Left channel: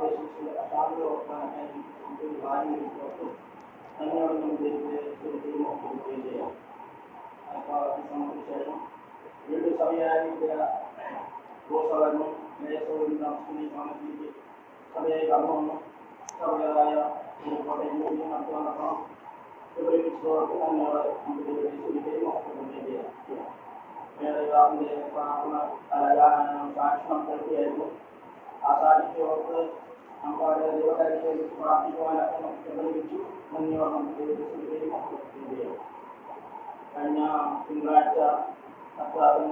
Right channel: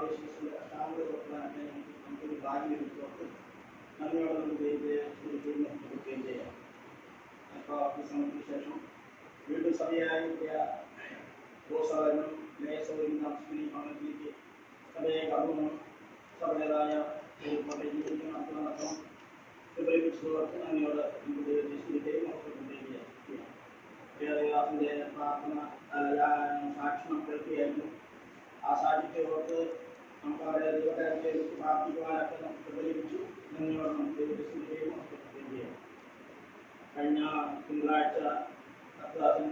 ആവേശിച്ച് അശാന്തി ഓർക്കാനായി നമുക്കൊരു ഭാഗ്യം എടുത്ത് അതിനോട് നമുക്ക് കൊടുക്കുകയും ചെയ്യാം. അപ്പോൾ അത് സമയത്തിന് ശേഷം വീണ്ടും സഭയായി പ്രോത്സാഹനം ലേസവും താമസിക്കുന്ന സഭയെ കടന്നു വന്നു സഭയുടേതായ നടത്തണം വിപരീപിച്ചതോർക്ക് അതിനോട് നമുക്ക് ദൈവത്തെ മഹത്വപ്പെടുകയും ചെയ്യാം. വേദദാസന്റെ പ്രാർത്ഥന സാക്ഷ്യം കേൾക്കുകയായിരുന്നു. ആ സാക്ഷ്യത്തോർക്ക് നമുക്ക് അവരെ ദൈവകാര്യത്തെ പ്രാർത്ഥിക്കുവാനൊക്കെ നമുക്ക് ലഭിച്ചു. നന്ദിയോടെ നമുക്ക് ദൈവത്തെ മഹത്വപ്പെടുകയും ചെയ്യാം. കഴിഞ്ഞ തിങ്കളാഴ്ച കർത്താവിൻ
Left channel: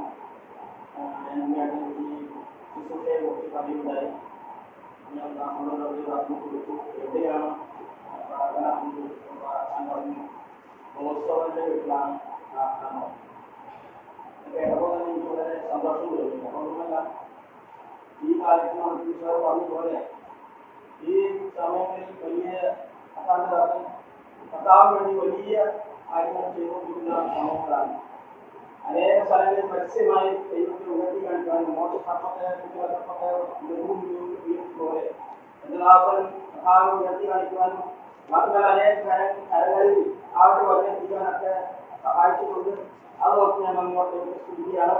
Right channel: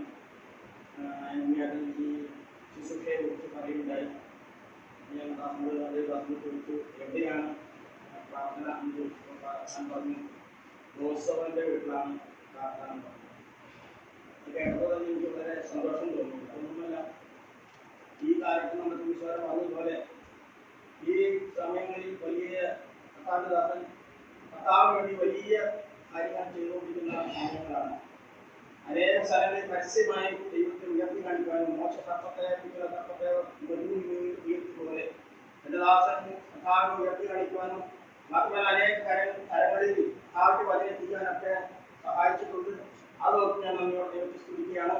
ഈ ശുശ്രൂഷയെ കുറിച്ച് പറയുകയുണ്ടായി. ഞാൻ ദൈവദാസനെ കൊടുത്തു എവിടെയാണ് പ്രാർത്ഥന പറഞ്ഞു. മോസോവിൻ്റെ വീട്ടിലാണ് പ്രാർത്ഥന. കേട്ടപ്പോൾ തന്നെ എനിക്ക് വളരെ സന്തോഷം തോന്നി. അതൊന്നുമല്ല, ഈ കാലത്ത് നമുക്ക് ഈശ്വരൻ പറഞ്ഞതുപോലെ ഈ സമയങ്ങളിൽ വലിയ കർത്താവിൻ്റെ കർത്താവിന് വേണ്ടി വലിയ കാര്യങ്ങൾ ചെയ്തുകൊണ്ടിരിക്കുന്ന സമയങ്ങളാണ്. അനേക സ്ഥലങ്ങളിൽ പരസ്യമായി ദൈവത്തെ ഉയർത്തി കാണിക്കാനും മോശത്തപ്പത്തെ പോലെ എൻ്റെ ദാസൻ കർത്താവിനെ ഉയർത്തി കാണിക്കുവാനും മാത്രമല്ല അനേക കരങ്ങളിൽ അവരുടെ വചനം എത്തിക്കാനൊക്കെ സഹായിച്ചിട്ടുണ്ട്. അതൊക്കെ ഞാൻ നമ്മോട് ദൈവത്തെ സ്തുതിക്കുകയാണ്.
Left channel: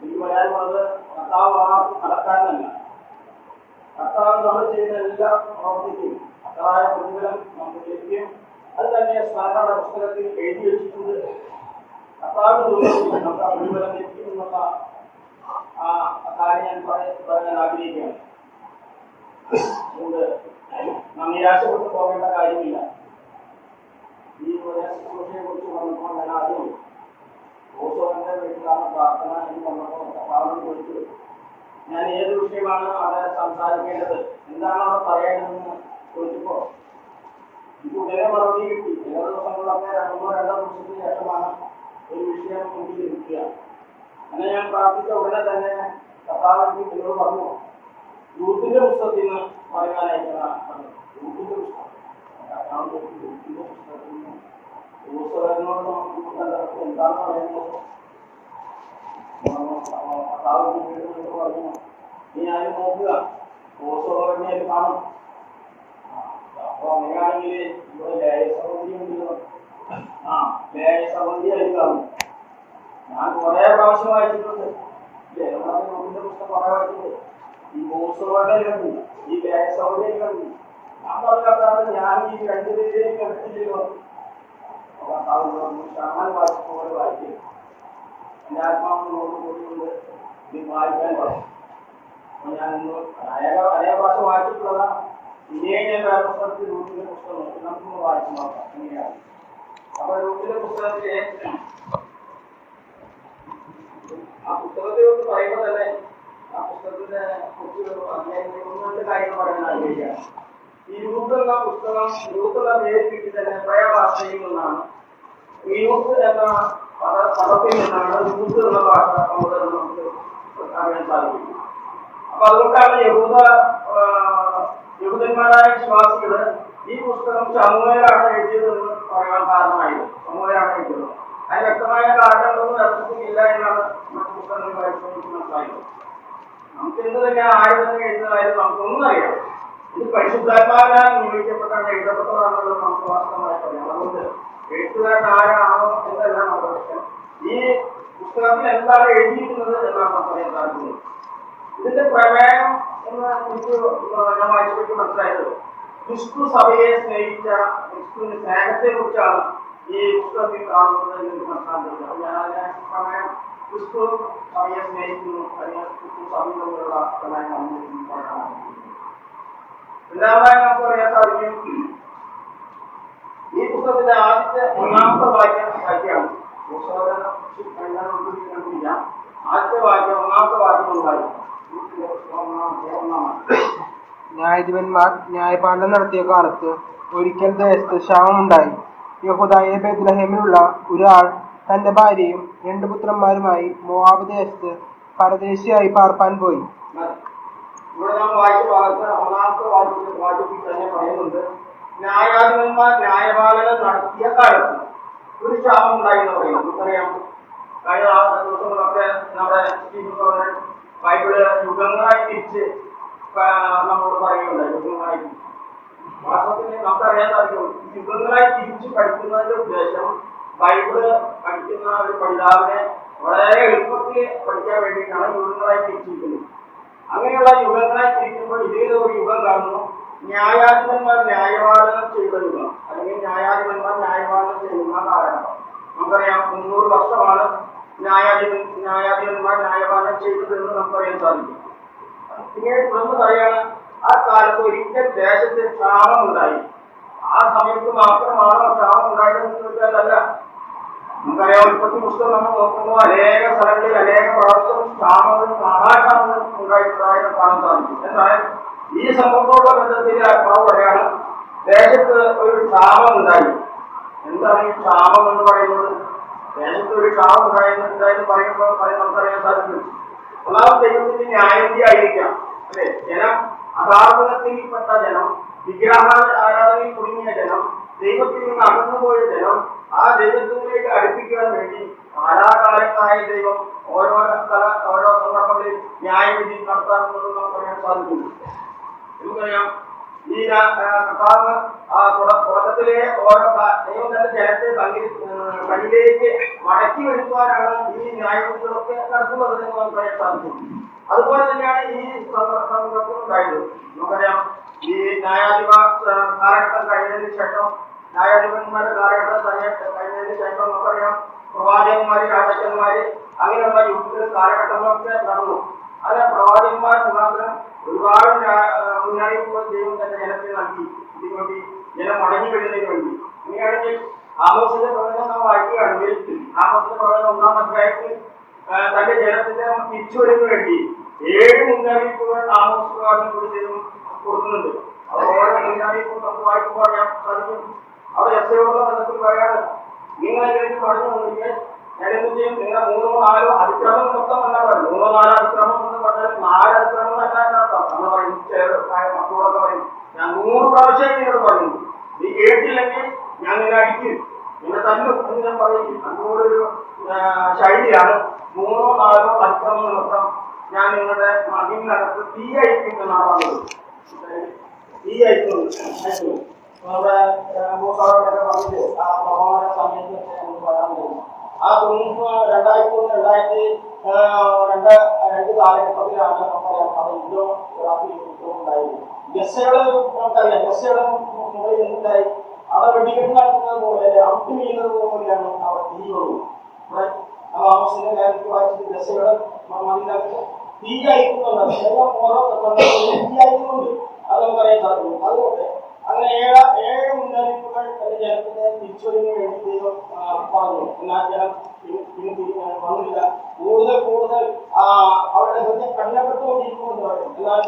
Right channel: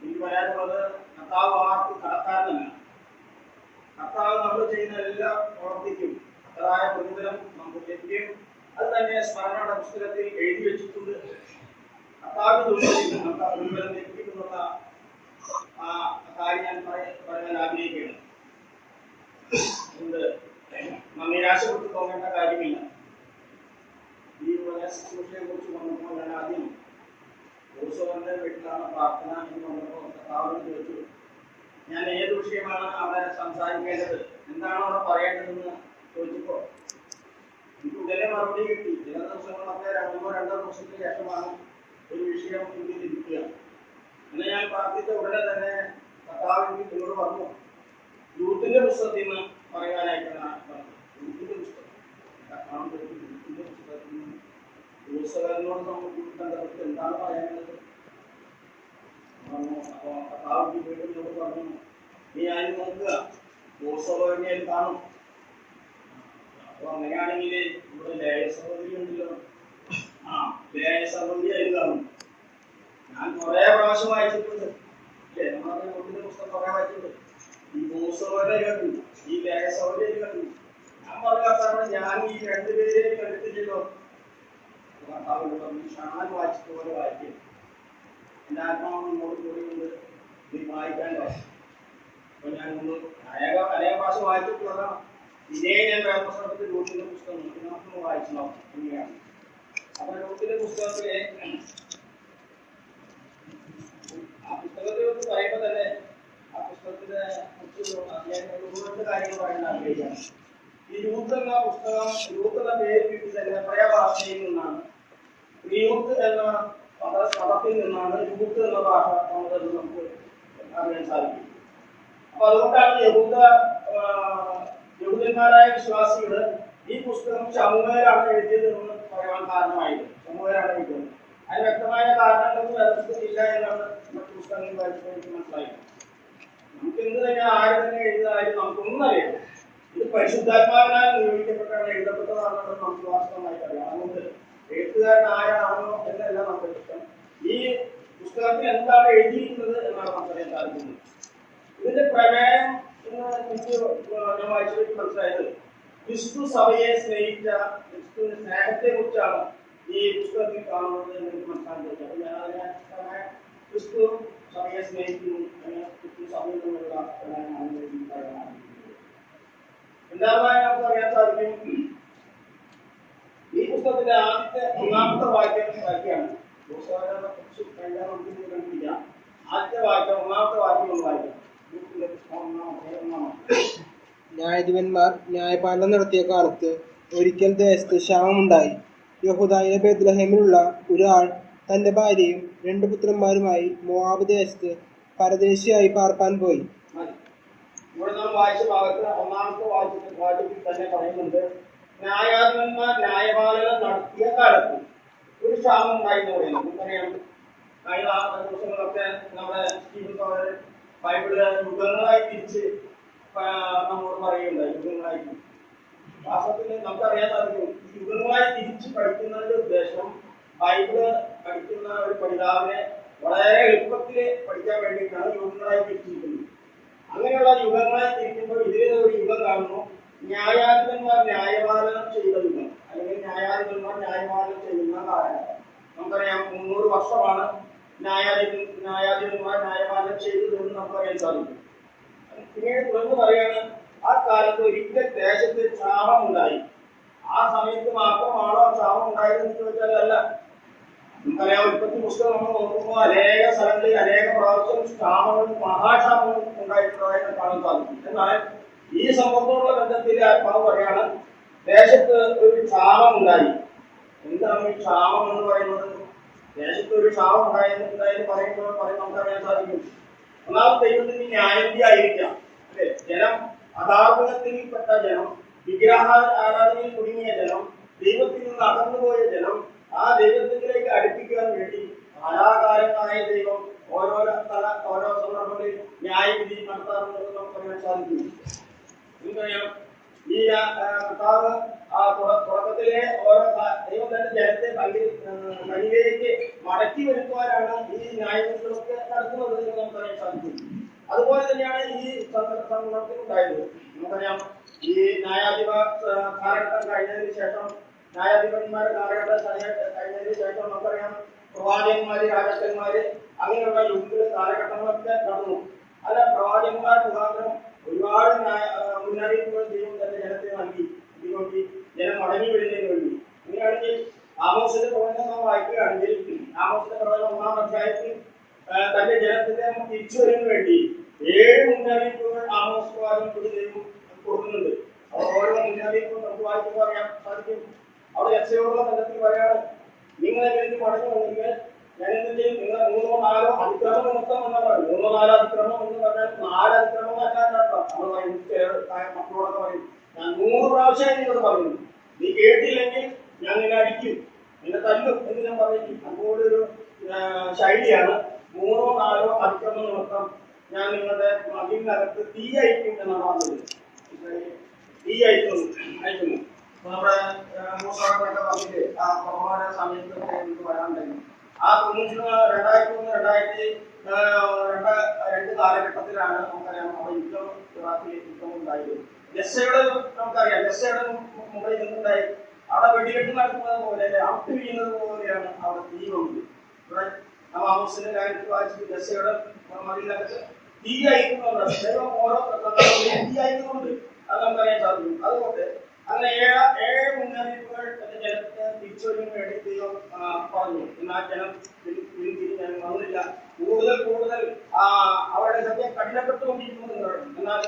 എനിക്ക് പറയാനുള്ളത് കർത്താവ് ആർക്ക് കടക്കാരനല്ല. കർത്താവ് നമ്മൾ ചെയ്യുന്ന എല്ലാ പ്രവർത്തിക്കും അത്രയായ പ്രതിഫലം നമുക്ക് ലഭിക്കും. അത് തന്നെ സ്മരണയുടെ പുസ്തകത്തിൽ എഴുതി വെച്ചിട്ടുണ്ട്. കർത്താവ് നമുക്ക് ആ പ്രതിഫലം ലഭിക്കും എന്നുള്ള ആ കാര്യം ഞാൻ പറയാൻ ആഗ്രഹിക്കുകയാണ്. അതുകൊണ്ട് നാം നിരാശപ്പെട്ടു പോകേണ്ട കാര്യമില്ല. ഈ ശുശ്രൂഷയെ കുറിച്ച് പറഞ്ഞപ്പോൾ ഞാൻ ആദ്യം ഓസോന്റെ വീട്ടിലാണ് പ്രാർത്ഥന എന്ന് പറഞ്ഞപ്പോൾ കർത്താവിനെ കുറിച്ച് ഞാൻ ഏത് വിഷയമാണ് അവിടെ സംസാരിക്കേണ്ടത്, എന്താണ് അവിടെ പറയേണ്ടതെന്ന് ചോദിച്ചപ്പോൾ എനിക്ക് ഉടനെ മറുപടി കിട്ടി. ചില ദിവസങ്ങളൊക്കെ രണ്ടോ ദിവസത്തിന് ശേഷമാണ് ഒരു വിഷയം മുമ്പിൽ ഇരിക്കുക. അങ്ങനെ ഞാൻ പ്രാർത്ഥിച്ച ഉടനെ തന്നെ കർത്താവിന് എന്നോട് പറഞ്ഞു, യൂത്തിന്റെ പുസ്തകത്തിൽ നിന്ന് പറയാനായിട്ടാണ് പറഞ്ഞത്. യൂത്തിന്റെ പുസ്തകം യൂത്തിന്റെ പുസ്തകത്തിൽ നിന്ന് ഉത്സവനോട് നമുക്ക് കണ്ടത് എന്താണ് പറയുന്നത്. കർത്താവിന് വീണ്ടും പറഞ്ഞു, നീ അതിന് നോക്കുക, ഉത്സവനെ കാണും. അപ്പൊ അങ്ങനെയാണെങ്കിൽ ഇവിടെ ലേയ സഹോദരി ഉണ്ടല്ലോ, ലേയ സഹോദരി ആയിരുന്നു. ഞാൻ കുറെ പ്രാവശ്യം വായിച്ചിട്ടുണ്ട്. യൂത്തിന്റെ പുസ്തകം കുറെ വായിച്ചിട്ടുണ്ട്. ഈ ഉത്സവനെ കണ്ടു, ഈ ലേയ സഹോദരി കണ്ടു. ഞാൻ പറഞ്ഞ ഞാൻ ഈ രണ്ടുപേരെയും കണ്ടിട്ടില്ലല്ലോ. ഷാൻ വായിച്ച പോലെ വായിക്കും. എൻ്റെ ആത്മാവിനോട് കൂടിയുണ്ട് ഇത് വായിക്കാൻ പറഞ്ഞു. അപ്പൊ ഞാൻ അനേക പ്രാവശ്യം വായിച്ചിട്ടുള്ളതാണ്. ഇനിയെ ഞാൻ വേറെ പുസ്തകത്തിൽ റൂട്ടിന്റെ പുസ്തകം നോക്കി നമുക്കൊന്ന് വായിച്ചു നോക്കാം എങ്ങനെയാണ്. അപ്പൊ റൂട്ടിന്റെ പുസ്തകത്തിലെ ആ പുസ്തകത്തെ ഒന്ന് പറയുമ്പോൾ തന്നെ ആ പുസ്തകത്തിനെ കുറിച്ച് ഒന്ന് കാര്യങ്ങൾ പറയാൻ ആഗ്രഹിക്കുകയാണ്. ഈ രൂത്ത് എന്ന പുസ്തകം രൂത്ത് എന്ന പേര് കിട്ടി തന്നെ പ്രയഭാഷയിൽ നിന്നാണ്. യൂത്ത് എന്ന പദത്തിൽ നിന്നാണ് യൂത്ത് എന്ന ഭാഷ നമുക്ക് അറിയാൻ സാധിക്കും. അപ്പൊ അതുകൊണ്ടാണ് യഹൂദന്മാരായ വിശ്വാസികള് ഈ പുസ്തകം ശമൂവേലാണ് എഴുതിയതെന്ന് പറയാൻ കാരണമായത്. ശമൂവേലാണ് എഴുതിയത്. അതിന് വ്യക്തമായ കാരണങ്ങളൊന്നും യഥാർത്ഥത്തിലില്ല എന്നാണ് മറ്റു പുസ്തകങ്ങൾ വായിച്ചപ്പോൾ എനിക്ക് മനസ്സിലായത്. നമുക്ക് എന്ത് തന്നെ ആര് തന്നെ എഴുതുന്നതായാലും നമുക്കൊന്നും അറിയാം. ഇത് പരിശുദ്ധാത്മാവിനാൽ നിയോഗിക്കപ്പെട്ടാണ് എഴുതപ്പെട്ടതാണെന്നുള്ളത് നമുക്ക് വാസ്തവമായി പറയാം. അതുകൊണ്ട് എഴുത്തുകാരൻ ആരാണോ എന്നല്ല നമ്മുടെ പ്രശ്നം. ഈ പുസ്തകത്തിൽ എന്താണ് എഴുതിയിരിക്കുന്നത് എന്നാണ് നമുക്ക് പറയാൻ സാധിക്കുന്നത്. ഇതിന്റെ പ്രമേയം എന്ന് എനിക്ക് ഞാൻ വായിച്ചപ്പോൾ മനസ്സിലായത്, ക്രിസ്തു സഭയെ സ്നേഹിച്ച ക്രിസ്തുവിന്റെ സ്നേഹത്തെ കുറിച്ചാണ് ഈ പുസ്തകത്തിൽ കാണുന്നത് എന്ന് എനിക്ക് മനസ്സിലാക്കുന്നത്. അപ്പൊ ഞാൻ അതിനെ പ്രമേയം ക്രിസ്തു സഭയെ സ്നേഹിക്കുന്നു അല്ലെങ്കിൽ ക്രിസ്തു സഭയിൽ തമ്മിലുള്ള പ്രമേയമാണ് പറയാൻ. രണ്ടാമതായി നമുക്ക് അറിയാൻ സാധിക്കും, ഈ പുസ്തകത്തിന്റെ ആദ്യത്തെ ഒന്നാമത്തെ വാക്യാണ്. കണ്ടുപിടിക്കാം. ആദ്യത്തെ വാക്യം ഒന്നാമത്തെ വാക്യം ഉണ്ടായിരുന്നു. ന്യായാധിപന്മാർ ന്യായപാലനം നടത്തിയ കാലത്ത് ഒരിക്കൽ ദേശത്ത് ക്ഷാമമുണ്ടായി. യെഹൂദയിലെ ബേത്ലഹേമിലുള്ള ഒരാൾ തന്റെ ഭാര്യയും 2 പുത്രന്മാരുമായി മോവാബ് ദേശത്ത് പരദേശിയായി പാർപ്പാൻ പോയി. ഇവിടെ നാം വായിച്ച ഭാഗത്ത് ഒന്നാമത്തെ വാക്യത്തിൽ തന്നെ പറയുന്നുണ്ട്, ന്യായാധിപന്മാർ ന്യായപാലനം നടത്തിയ കാലത്ത് ഒരു ക്ഷാമം ഉണ്ടായി എന്ന് പറയുന്നു. നമുക്കറിയാം, കഴിഞ്ഞ ദിവസങ്ങളൊക്കെ നമ്മുടെ ബൈബിള് യുഗങ്ങളായി തിരിച്ച് നമ്മളോട് പറയുന്നുണ്ട് യുഗങ്ങളായി. വാസ്തവത്തിൽ നമുക്കറിയാൻ സാധിക്കും യുഗങ്ങളായി തിരിച്ച് പഠിക്കുന്നതിന്റെ ഉദ്ദേശം ബൈബിള് പഠിക്കുന്ന ഒരു പഠിതാവിനെ വളരെ എളുപ്പത്തിൽ പഠിക്കാൻ വേണ്ടിയിട്ടാണ് യുഗങ്ങളായി തിരിച്ചിരിക്കുന്നത്. അങ്ങനെയുള്ള യുഗങ്ങളായി തിരിക്കുമ്പോൾ ഇതേ ഒരു യുഗം കാണുന്നു, ന്യായാധിപന്മാർ ന്യായപാലനം ചെയ്ത യുഗം, അല്ലെങ്കിൽ ന്യായാധിപന്മാർ ന്യായപാലനം ചെയ്യുന്ന കാലഘട്ടം. നമുക്കറിയാം 300 വർഷമാണ് ന്യായാധിപന്മാർ ന്യായപാലനം ചെയ്തതെന്ന് നമുക്കറിയാൻ സാധിക്കും. പിന്നീട് തുടർന്ന് പറയാണ്, ആ കാലത്ത് ഒരിക്കൽ ദേശത്ത് ക്ഷാമം ഉണ്ടായി. ആ സമയത്ത് മാത്രമാണോ ക്ഷാമം ഉണ്ടായതെന്ന് ചോദിച്ചാൽ അല്ല. നമുക്കറിയാം ഉൽപ്പത്തി പുസ്തകം നമ്മൾ നോക്കുമ്പോൾ അനേക സ്ഥലങ്ങളിൽ അനേക പ്രാവശ്യം ക്ഷാമങ്ങളും മഹാക്ഷാമങ്ങളും ഉണ്ടായിട്ടുള്ളതായിട്ട് കാണാൻ സാധിക്കും. എന്നാൽ ഈ സംഭവത്തോടുള്ള ബന്ധത്തിൽ ആത്മാവ് പറയാണ്, ദേശത്ത് ഒരു ക്ഷാമം ഉണ്ടായി. എന്താണ് ഈ ക്ഷാമം എന്ന് പറയുന്നത്? ദേശത്ത് ഒരു ക്ഷാമം ഉണ്ടായെന്ന് പറയുമ്പോൾ നമുക്കറിയാൻ സാധിക്കും, ഒന്നാമത് ദൈവത്തിന്റെ ന്യായവിധി ആയിരിക്കാം, അല്ലെ? ജനം അധാർമികത്തിൽപ്പെട്ട ജനം, വിഗ്രഹ ആരാധനയിൽ കുടുങ്ങിയ ജനം, ദൈവത്തിൽ നിന്ന് അകന്നുപോയ ജനം, ആ ദൈവത്തിലേക്ക് അടുപ്പിക്കാൻ വേണ്ടി കാലാകാലങ്ങളായ ദൈവം ഓരോ സന്ദർഭങ്ങളിൽ ന്യായവിധി നടത്താറുള്ളത് നമുക്കറിയാൻ സാധിക്കും. നമുക്കറിയാം ഈ കർത്താവ് തുടക്കത്തിലെ ഓരോ ദൈവം തന്റെ ജനത്തെ തന്നിലേക്ക് മടക്കി വരുത്തുവാനാണ് ഈ ന്യായവിധികളൊക്കെ നടത്തുന്നത് എന്ന് നമുക്കറിയാൻ സാധിക്കും. അതുപോലെ തന്നെയാണ് ഈ സന്ദർഭത്തിൽ ഉണ്ടായത്. നമുക്കറിയാം ഈ ന്യായാധിപ കാലഘട്ടം കഴിഞ്ഞതിന് ശേഷം, ന്യായാധിപന്മാരുടെ കാലഘട്ടം കഴിഞ്ഞതിന് ശേഷം നമുക്കറിയാം പ്രവാചകന്മാര്, രാജാക്കന്മാര്, അങ്ങനെയുള്ള യുദ്ധ കാലഘട്ടങ്ങളൊക്കെ നടന്നു. അത് പ്രവാചകന്മാർ മുഖാന്തരം ഒരുപാട് മുന്നറിയിപ്പുകൾ ദൈവം തന്റെ ജനത്തിന് നൽകി, ഇതിനുവേണ്ടി ജനം മടങ്ങി വരുന്നതിന് വേണ്ടി. ഇങ്ങനെയാണെങ്കിൽ ആമോസിന്റെ പ്രവചനം നാം വായിക്കുകയാണെങ്കിൽ, ആമോസിന്റെ പ്രവചനം 1-ാം അധ്യായത്തിൽ തന്റെ ജനത്തിന്റെ തിരിച്ചുവരവിന് വേണ്ടി 7 മുന്നറിയിപ്പുകൾ ആമോസ് പ്രവാചകൻ കൂടി ദൈവം കൊടുക്കുന്നുണ്ട്. ഓരോ മുന്നറിയിപ്പും നമുക്ക് വായിക്കുമ്പോൾ അറിയാൻ സാധിക്കും. അവിടെ യഹോവയുടെ ബന്ധത്തിൽ പറയാണ്, നിങ്ങളെങ്കിലും മടങ്ങി വന്നെങ്കിൽ ഞാൻ എന്ത് ചെയ്യും? നിങ്ങൾ 3-4 അതിക്രമം മൊത്തം എന്നാ പറയുന്നത്. 3-4 അതിക്രമം എന്ന് പറഞ്ഞാൽ 4 അതിക്രമം എന്നല്ല അർത്ഥം. നമ്മൾ പറയും, മക്കളോടൊക്കെ പറയും, ഞാൻ 100 പ്രാവശ്യം നിങ്ങളോട് പറയുന്നു, നീ കേട്ടില്ലെങ്കിൽ ഞാൻ നിന്നെ അടിക്കും, നിന്നെ തല്ലും എന്ന് ഞാൻ പറയും. അതുകൊണ്ടൊരു ശൈലിയാണ് 3-4 അതിക്രമം മൊത്തം ഞാൻ നിങ്ങളുടെ മതിലിനകത്ത് തീ അയക്കും എന്നാണ് പറഞ്ഞത്. തീ അയക്കുന്നു. നമ്മുടെ മൂസാടൊക്കെ പറഞ്ഞിട്ട് ആ പ്രവാഹ സമയത്ത് പറയാൻ കഴിയും. ആ 2001-2002 കാലഘട്ടത്തിലാണ് നമുക്കറിയാം അവിടെ യുദ്ധം ഉണ്ടായത്. ഗസയുടെ നമുക്കറിയാം, ഗസയുടെ മുകളിൽ എന്തുണ്ടായി? അവിടെ വെടികെട്ട് നടത്തുന്നത് പോലെ, അമ്പ് വീഴുന്നത് പോലെയാണ് അവിടെ തീ വന്നു. ഇവിടെ ആമോസിന്റെ കാര്യത്തിൽ വായിച്ചിട്ട് ഗസയുടെ മതിലകത്ത് തീ അയക്കുന്നുണ്ട്. ഓരോ തീ അയക്കുന്നുണ്ട്, അത് നമുക്കറിയാൻ സാധിക്കും. അതുകൊണ്ട് അങ്ങനെ 7 മുന്നറിയിപ്പുകൾ ജനത്തിന് തിരിച്ചൊരുവിന് വേണ്ടി ദൈവം പറഞ്ഞു. എന്നാൽ ജനം പിന്തിരിഞ്ഞാൽ വന്നില്ല. കൂടുതൽ അവരുടെ ഹൃദയം കഠിനപ്പെട്ടുകൊണ്ടിരിക്കുന്നു എന്ന് പറയും. എന്നാൽ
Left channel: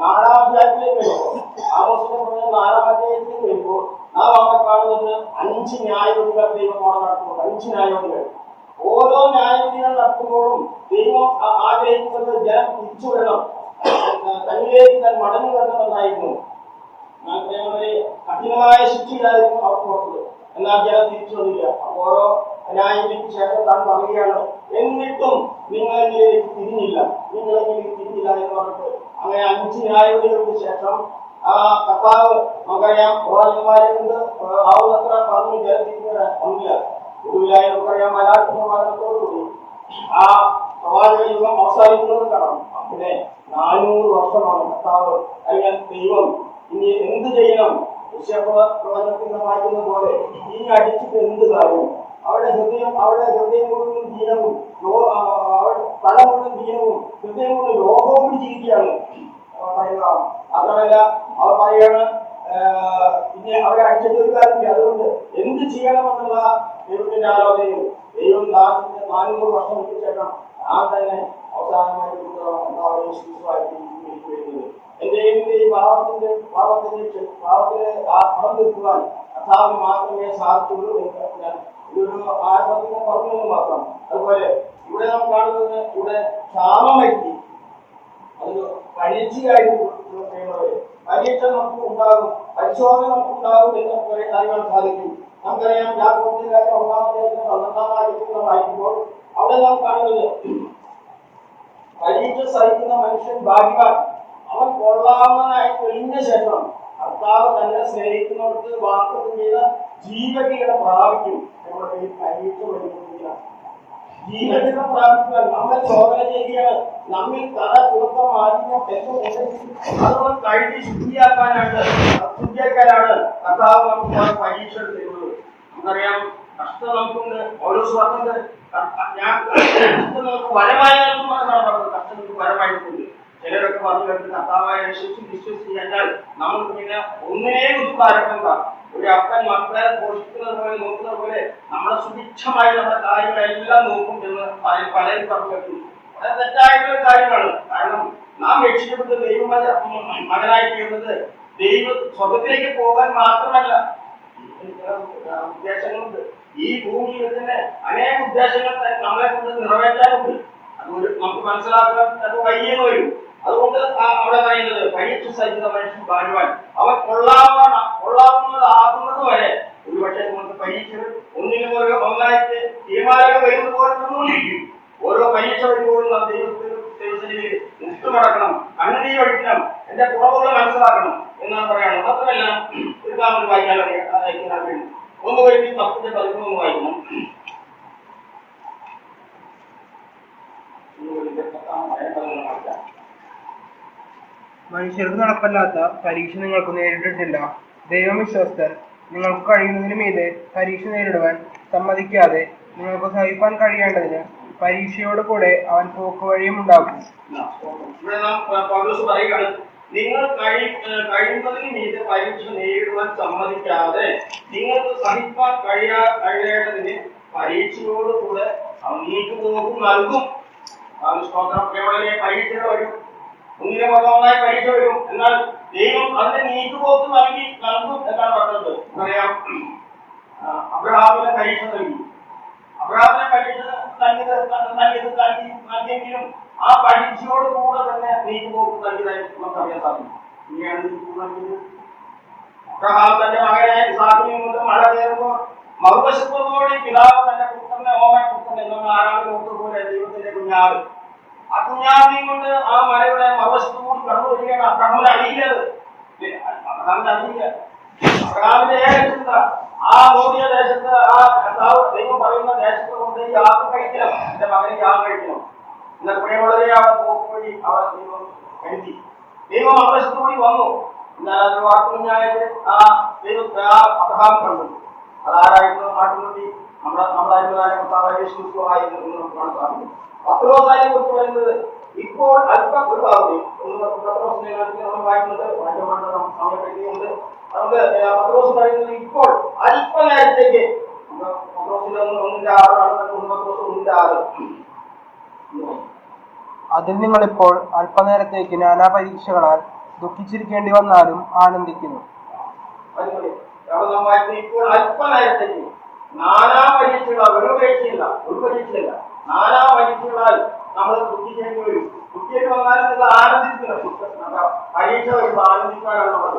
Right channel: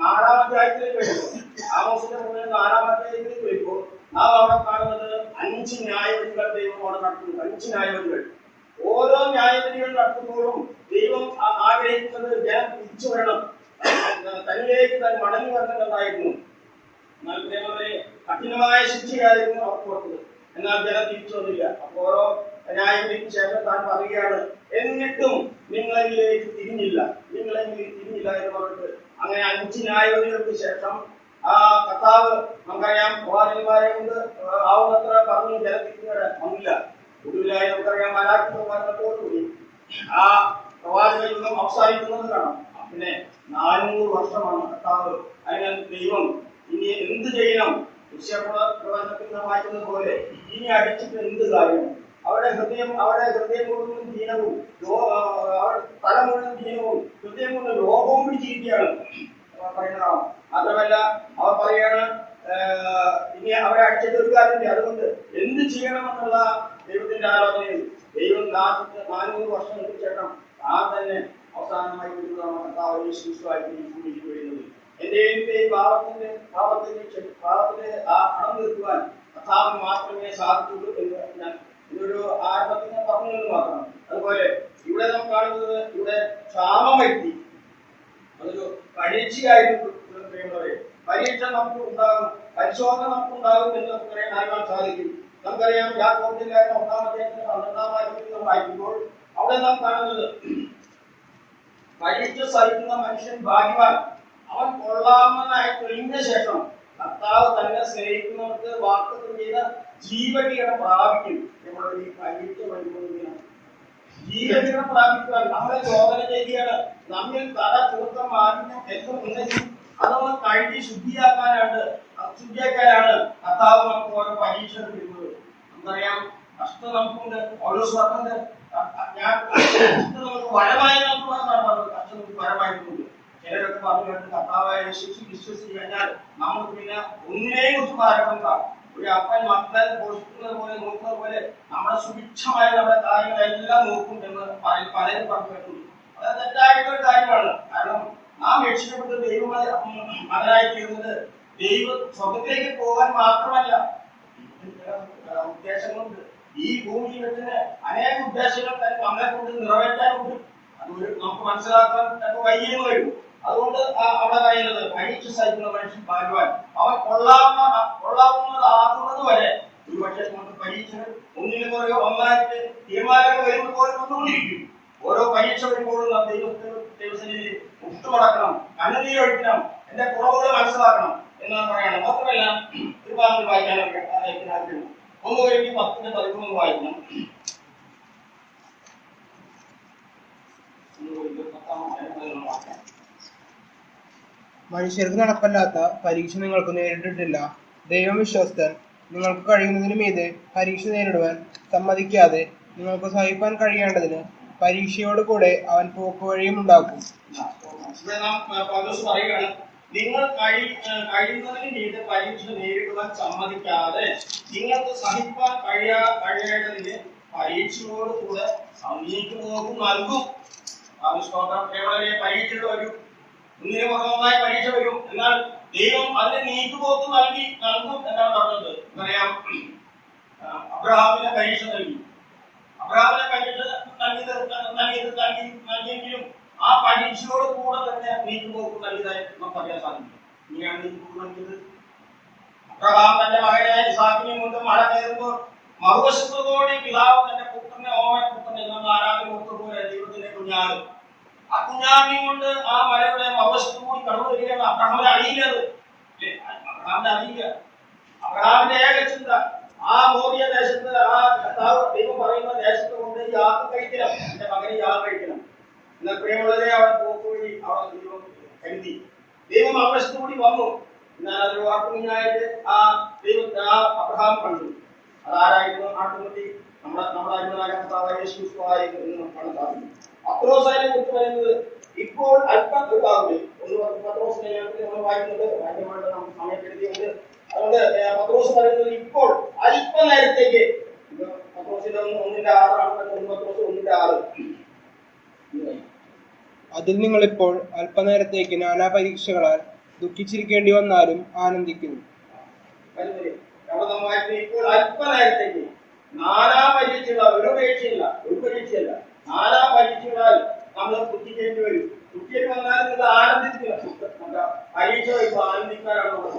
4-ാം അധ്യായത്തിലേക്ക് വരുമ്പോൾ, ആമോസിന്റെ പ്രവചനം 4-ാം അധ്യായത്തിലേക്ക് വരുമ്പോൾ നാം അവിടെ കാണുന്നത് 5 ന്യായവിധികൾ ദൈവം അവിടെ നടത്തുന്നുണ്ട്. 5 ന്യായവിധികൾ. ഓരോ ന്യായവിധികൾ നടത്തുമ്പോഴും ദൈവം ആഗ്രഹിക്കുന്നത് ജനം തിരിച്ചു വരണം, തന്നിലേക്ക് തന്നെ മടങ്ങി വരണമെന്നായിരുന്നു. കഠിനമായ ശിക്ഷയായിരുന്നു അവർക്ക് കൊടുത്തത്. എന്നാൽ ജനം തിരിച്ചു വന്നില്ല. ഓരോ ന്യായവിധിക്ക് ശേഷം താൻ പറയുകയാണ്, എന്നിട്ടും നിങ്ങളെങ്കിലേക്ക് തിരിഞ്ഞില്ല എന്ന് പറഞ്ഞിട്ട് അങ്ങനെ 5 ന്യായവിധികൾക്ക് ശേഷം കർത്താവ് നമുക്കറിയാം പ്രവാചകന്മാരെ കൊണ്ട് ആവുന്നത്ര പറഞ്ഞു ജനത്തിരിക്കുന്ന ഒന്നില്ല. ഒടുവിലായി നമുക്കറിയാം മലയാളത്തോടുകൂടി ആ പ്രവാചക യുഗം അവസാനിക്കുന്നത് കാണാം. പിന്നെ 400 വർഷമാണ് കർത്താവ് അല്ലെങ്കിൽ ദൈവം ഇനി എന്ത് ചെയ്യണം? പ്രവചനത്തിൽ നാം വായിക്കുന്നത് പോലെ ഇനി അടിച്ചിട്ട് എന്ത് കാര്യം? അവരുടെ ഹൃദയം കൊണ്ടും ദീനവും, തല കൊണ്ടും ദീനവും, ഹൃദയം കൊണ്ട് രോഗവും പിടിച്ചിരിക്കുകയാണ് പറയുന്നതാണ്. മാത്രമല്ല അവർ പറയാണ്, ഇനി അവരെ അടിച്ചിട്ട് ഒരു കാര്യമില്ല. അതുകൊണ്ട് എന്ത് ചെയ്യണമെന്നുള്ള ദൈവത്തിന്റെ ആലോചനയും ദൈവം 400 വർഷങ്ങൾക്ക് ശേഷം തന്നെ അവസാനമായി വരുന്നത്. എന്റെ പാപത്തിന് ആ കടം തീർക്കുവാൻ കർത്താവിന് മാത്രമേ സാധിച്ചുള്ളൂ എന്ന് ഞാൻ ഇതൊരു ആരംഭത്തിൽ ഞാൻ പറഞ്ഞെന്ന് മാത്രം. അതുപോലെ ഇവിടെ നാം കാണുന്നത്, ഇവിടെ ക്ഷാമം വരുത്തി, അതൊരു പരീക്ഷയായിരുന്നു. പരീക്ഷ നമുക്ക് ഉണ്ടാകും, പരിശോധന നമുക്ക് ഉണ്ടാകും എന്ന് നമുക്ക് അറിയാൻ സാധിക്കും. നമുക്കറിയാം യാക്കോബിന്റെ കാര്യം 1-ാം അധ്യായത്തിന് 12-ാം വാക്യത്തിൽ വായിക്കുമ്പോൾ അവിടെ നാം കാണുന്നത്, പരീക്ഷ സഹിക്കുന്ന മനുഷ്യൻ ഭാഗ്യവാൻ, അവൻ കൊള്ളാവുന്നതായി തെളിഞ്ഞ ശേഷം കർത്താവ് തന്നെ സ്നേഹിക്കുന്നവർക്ക് വാഗ്ദത്തം ചെയ്ത ജീവകിരീടം പ്രാപിക്കും. നമ്മുടെ ഈ പരീക്ഷ വരുന്നില്ല, ജീവകിരീടം പ്രാപിക്കുവാൻ നമ്മൾ ശോധന ചെയ്യുകയാണ്. നമ്മിൽ തല ചുരുക്കം മാലിന്യം തെറ്റുണ്ടെങ്കിൽ അതൊന്ന് കഴുകി ശുദ്ധിയാക്കാനാണ് കർത്താവ് നമുക്ക് പരീക്ഷ തരുന്നത്. നമുക്കറിയാം, കഷ്ടം നമുക്കുണ്ട്, ഓരോ സ്വർണ്ണുണ്ട്. ഞാൻ കഷ്ടം നമുക്ക് വരമായി പറഞ്ഞത്, കഷ്ടം നമുക്ക് വരമായിട്ടുണ്ട്. ചിലരൊക്കെ പറഞ്ഞു കേട്ട് കർത്താവായ വിശ്വസിച്ച് കഴിഞ്ഞാൽ നമുക്ക് പിന്നെ ഒന്നിനെ കുറിച്ച് പാരക്കണ്ട. ഒരു അപ്പൻ മക്കളെ പോഷിക്കുന്നത് പോലെ നോക്കുന്നത് പോലെ നമ്മുടെ സുഭിക്ഷമായി നമ്മുടെ കാര്യങ്ങളെല്ലാം നോക്കും എന്ന് പലരും പറഞ്ഞു കേട്ടു. അത് തെറ്റായിട്ടുള്ള കാര്യമാണ്. കാരണം നാം രക്ഷിക്കപ്പെട്ട മകനായി തീർന്നത് ദൈവ സ്വർഗത്തിലേക്ക് പോകാൻ മാത്രമല്ല, ഉദ്ദേശങ്ങളുണ്ട്. ഈ ഭൂമിയിൽ തന്നെ അനേക ഉദ്ദേശങ്ങൾ നമ്മളെ കൊണ്ട് നിറവേറ്റാനുണ്ട്. അതുകൊണ്ട് നമുക്ക് മനസ്സിലാക്കാൻ അത് വയ്യെന്ന് വരും. അതുകൊണ്ട് അവിടെ പറയുന്നത് പരീക്ഷ സഹിക്കുന്ന മനുഷ്യൻ ഭാഗ്യവാൻ. അവൻ കൊള്ളാവുന്നതാകുന്നത് വരെ ഒരുപക്ഷെ നമുക്ക് പരീക്ഷകൾ ഒന്നിനു പോലെ ഒന്നായിട്ട് തീരുമാനങ്ങൾ വരുന്ന പോലെ നിന്നുകൊണ്ടിരിക്കും. ഓരോ പരീക്ഷ വരുമ്പോഴും നാം ദൈവസന്നിധിയിൽ മുട്ടുമടക്കണം, കണ്ണുനീരൊഴിക്കണം, എന്റെ കുറവുകൾ മനസ്സിലാക്കണം എന്നാണ് പറയണം. മാത്രമല്ല, ഒരു ഭാഗം വായിക്കാൻ ആഗ്രഹിക്കുന്നു. 1:10-11 വായിക്കണം. മനുഷ്യർക്ക് നടപ്പല്ലാത്ത പരീക്ഷ നിങ്ങൾക്ക് നേരിട്ടിട്ടില്ല. ദൈവം വിശ്വസ്തൻ. നിങ്ങൾക്ക് കഴിയുന്നതിന് മീതെ പരീക്ഷ നേരിടുവാൻ സമ്മതിക്കാതെ നിങ്ങൾക്ക് സഹിപ്പാൻ കഴിയേണ്ടതിന് പരീക്ഷയോട് കൂടെ അവൻ പോക്കുവഴിയും ഉണ്ടാക്കും. നിങ്ങൾ കഴിയുന്നതിന് മീതെ പരീക്ഷ നേരിടുവാൻ സമ്മതിക്കാതെ നിങ്ങൾക്ക് സഹിപ്പാൻ കഴിയേണ്ടതിന് പരീക്ഷയോട് കൂടെ നീക്കുപോക്കും നൽകും. പരീക്ഷകൾ വരും, ഒന്നിനെ പുറമൊന്നായി പരീക്ഷ വരും. എന്നാൽ ദൈവം അതിന്റെ നീക്കുപോക്ക് നൽകും എന്നാണ് പറഞ്ഞത്. പറയാം, അബ്രഹാമിനെ പരീക്ഷ നൽകി. അബ്രഹാമിനെ പരീക്ഷ നൽകിയെങ്കിലും ആ പരീക്ഷയോട് കൂടെ തന്നെ നീക്കുപോക്ക് നൽകിയതായി നമുക്കറിയാൻ സാധിക്കും. ഇങ്ങനെയാണ് നീക്കുപോക്ക് നൽകിയത്. അബ്രഹാം തന്റെ മകനായ ഇസ്ഹാക്കിനെ കൊണ്ട് മഴ കയറുമ്പോൾ മറുവശത്തോടെ പിതാവ് തന്റെ പുത്രനെ പുത്രൻ എന്ന ആരാധന പോലെ ദൈവത്തിന്റെ കുഞ്ഞാട്, ആ കുഞ്ഞാടിനെയും കൊണ്ട് ആ മലയുടെ മറുവശത്തു കൂടി കടന്നു വരികയാണ്. അബ്രഹാമിനെ അറിയില്ലത്. അബ്രഹാമിന്റെ ഏക ചിന്ത ആ മോദിയ ദേശത്ത്, ആ ദൈവം പറയുന്ന ദേശത്ത് കൊണ്ട് യാത്ര കഴിക്കണം, എന്റെ മകനെ യാത്ര കഴിക്കണം. എന്നാൽ പ്രിയമുള്ളവരെ, അവൻ പോക്ക് വഴി അവർ ദൈവം കരുതി. ദൈവം മറുവശത്തു കൂടി വന്നു. എന്നാൽ അതൊരു വാക്കുഞ്ഞായിട്ട് ആ ദൈവത്തെ ആ അബ്രഹാം കണ്ടു. അതാരായിരുന്നു? ആട്ടുകുട്ടി യേശു ആയിരുന്നു എന്ന് നമുക്ക് കാണാൻ സാധിക്കും. പത്രോസിനെ കുറിച്ച് പറയുന്നത് ഇപ്പോൾ അല്പം ഒരു ഭാഗം പത്രോസിനെ നമ്മൾ വായിക്കുന്നത് സമയപ്പെടുത്തിയുണ്ട്. അതുകൊണ്ട് പത്രോസ് പറയുന്നത് ഇപ്പോൾ അല്പനേരത്തേക്ക് പത്രോസിന്റെ 1:6 പത്രോസ് 1:6. അതിൽ നിങ്ങളിപ്പോൾ അല്പനേരത്തേക്ക് നാനാ പരീക്ഷകളാൽ ദുഃഖിച്ചിരിക്കേണ്ടി വന്നാലും ആനന്ദിക്കുന്നു. ഇപ്പോൾ അല്പനേരത്തേക്ക് നാനാ പരീക്ഷകളാൽ, ഒരു പരീക്ഷയല്ല, നാനാ പരീക്ഷകളാൽ നമ്മൾ ദുഃഖിക്കേണ്ടി വരും. ദുഃഖിക്കേണ്ടി വന്നാൽ നിങ്ങൾ ആനന്ദിക്കണം. പരീക്ഷ വരുമ്പോൾ ആനന്ദിക്കാനാണ് നമ്മൾ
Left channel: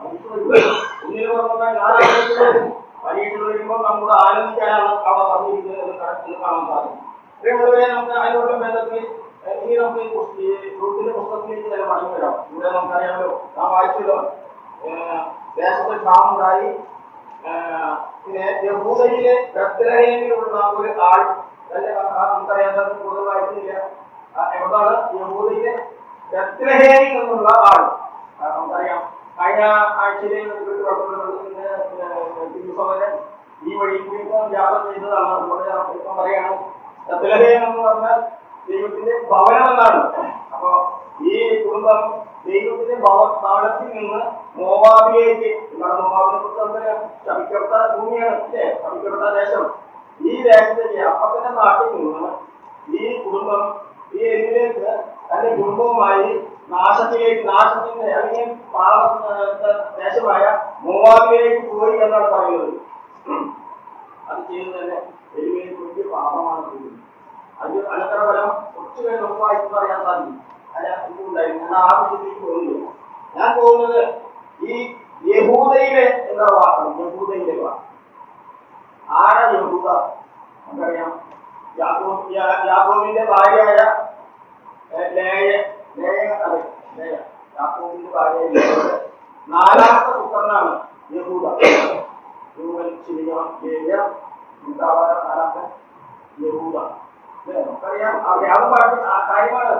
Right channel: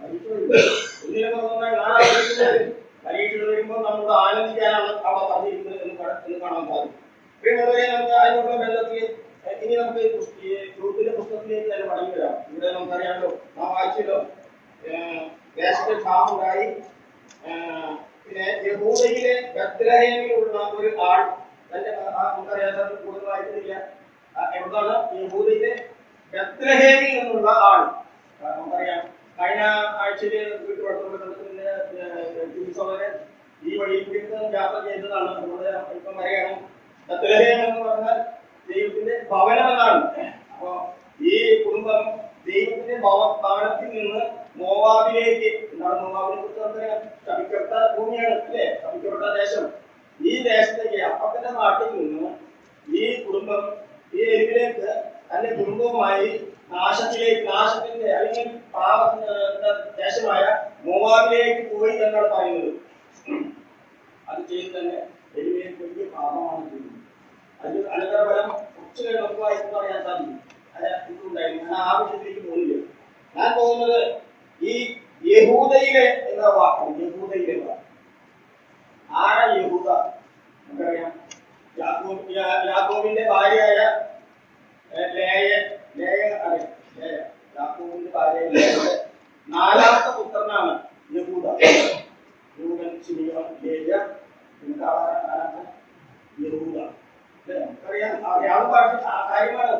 പരീക്ഷ വരുമ്പോൾ ഒന്നിനു പുറമെ നാനാ പരീക്ഷകൾ വരും. പരീക്ഷകൾ വരുമ്പോൾ നമ്മോട് ആനന്ദിക്കാനാണ് അവിടെ പറഞ്ഞിരിക്കുന്നത് എന്ന് കാണാൻ സാധിക്കും. പ്രിയമുള്ളവരെ, നമുക്ക് അതിനോടുള്ള ബന്ധത്തിൽ ഇനി നമുക്ക് ഗ്രൂപ്പിന്റെ പുസ്തകത്തിലേക്ക് തന്നെ മടങ്ങി വരാം. ഇവിടെ നമുക്കറിയാമല്ലോ, നാം വായിച്ചല്ലോ, ദേശത്തെ ക്ഷാമുണ്ടായി. പിന്നെ യഹൂദയിലെ ബത്ലഹേമിലുള്ള ഒരു ആൾ, തന്റെ നമുക്കറിയാൻ കൂടുതൽ വായിക്കുന്നില്ല, എവിടാണ്? യഹൂദയിലെ ബത്ലഹേമിൽ നിന്നുള്ള ആൾ. നമുക്കറിയാം, കഴിഞ്ഞ ആഴ്ചയിൽ വീട്ടുവളർത്തുന്ന ഈ വഴിയിൽ കൂടി യാത്ര ചെയ്തതാണ്. അതുകൊണ്ട് ഇപ്പം പറയാണ്, ബത്ലഹേം എന്ന് പറഞ്ഞാൽ ദൈവത്തിന്റെ ഭവനം എന്നാണ്. അപ്പൊ ഈ കുടുംബം ദൈവത്തിന്റെ ഭവനത്തിൽ നിന്ന് മോവാബിലേക്ക്, എന്താണ് മോവാബിനെ കുറിച്ച് നമുക്കറിയാം, ശപിക്കപ്പെട്ട ഭൂമിയാണ് അല്ലേ, ശപിക്കപ്പെട്ട ദേശം. ഈ ദേശത്തേക്ക്, അപ്പത്തിന്റെ നാട്ടിൽ നിന്ന് ഈ കുടുംബം ഈ എരിവിലേക്ക് തന്റെ കുടുംബവുമായി നാശത്തിന്റെ അല്ലെങ്കിൽ ദേശമായ മോവാബിലേക്ക് പോയി എന്നാണ് പറയുന്നത്. അത് ചെയ്ത് തന്നെ എരിവിലേക്ക് വലിയ പാപമാണ് ചെയ്യുന്നത്. അത് അനന്തരഫലം കുറച്ചു കഴിഞ്ഞ് നമുക്ക് വായിക്കുന്നത് അറിയാൻ സാധിക്കും. ഇതുണ്ടായിരുന്നു. ഞാൻ ആവശ്യത്തിലേക്ക് പോകുന്നില്ല. ഞാൻ പോകുന്നത് ഈ യഹൂദയിലെ എന്താ വാക്കാണ്. യഹൂദയിലെ വാക്ക് ആരാ യഹൂദ? നമുക്കറിയാം, യാക്കോബിന്റെ ഭാര്യയായ യാക്കോബിന്റെ ഭാര്യയിലൂടെ 4ാമത്തെ പുത്രനാണ് യഹൂദ. രൂപൻ, ശിമിയോൻ, ലേവ്യ, യൂദാ, 4ാമത്തെ യഹൂദ. നമുക്കറിയാം അറിയാവുന്ന ഭാഷ കാര്യമാണ്.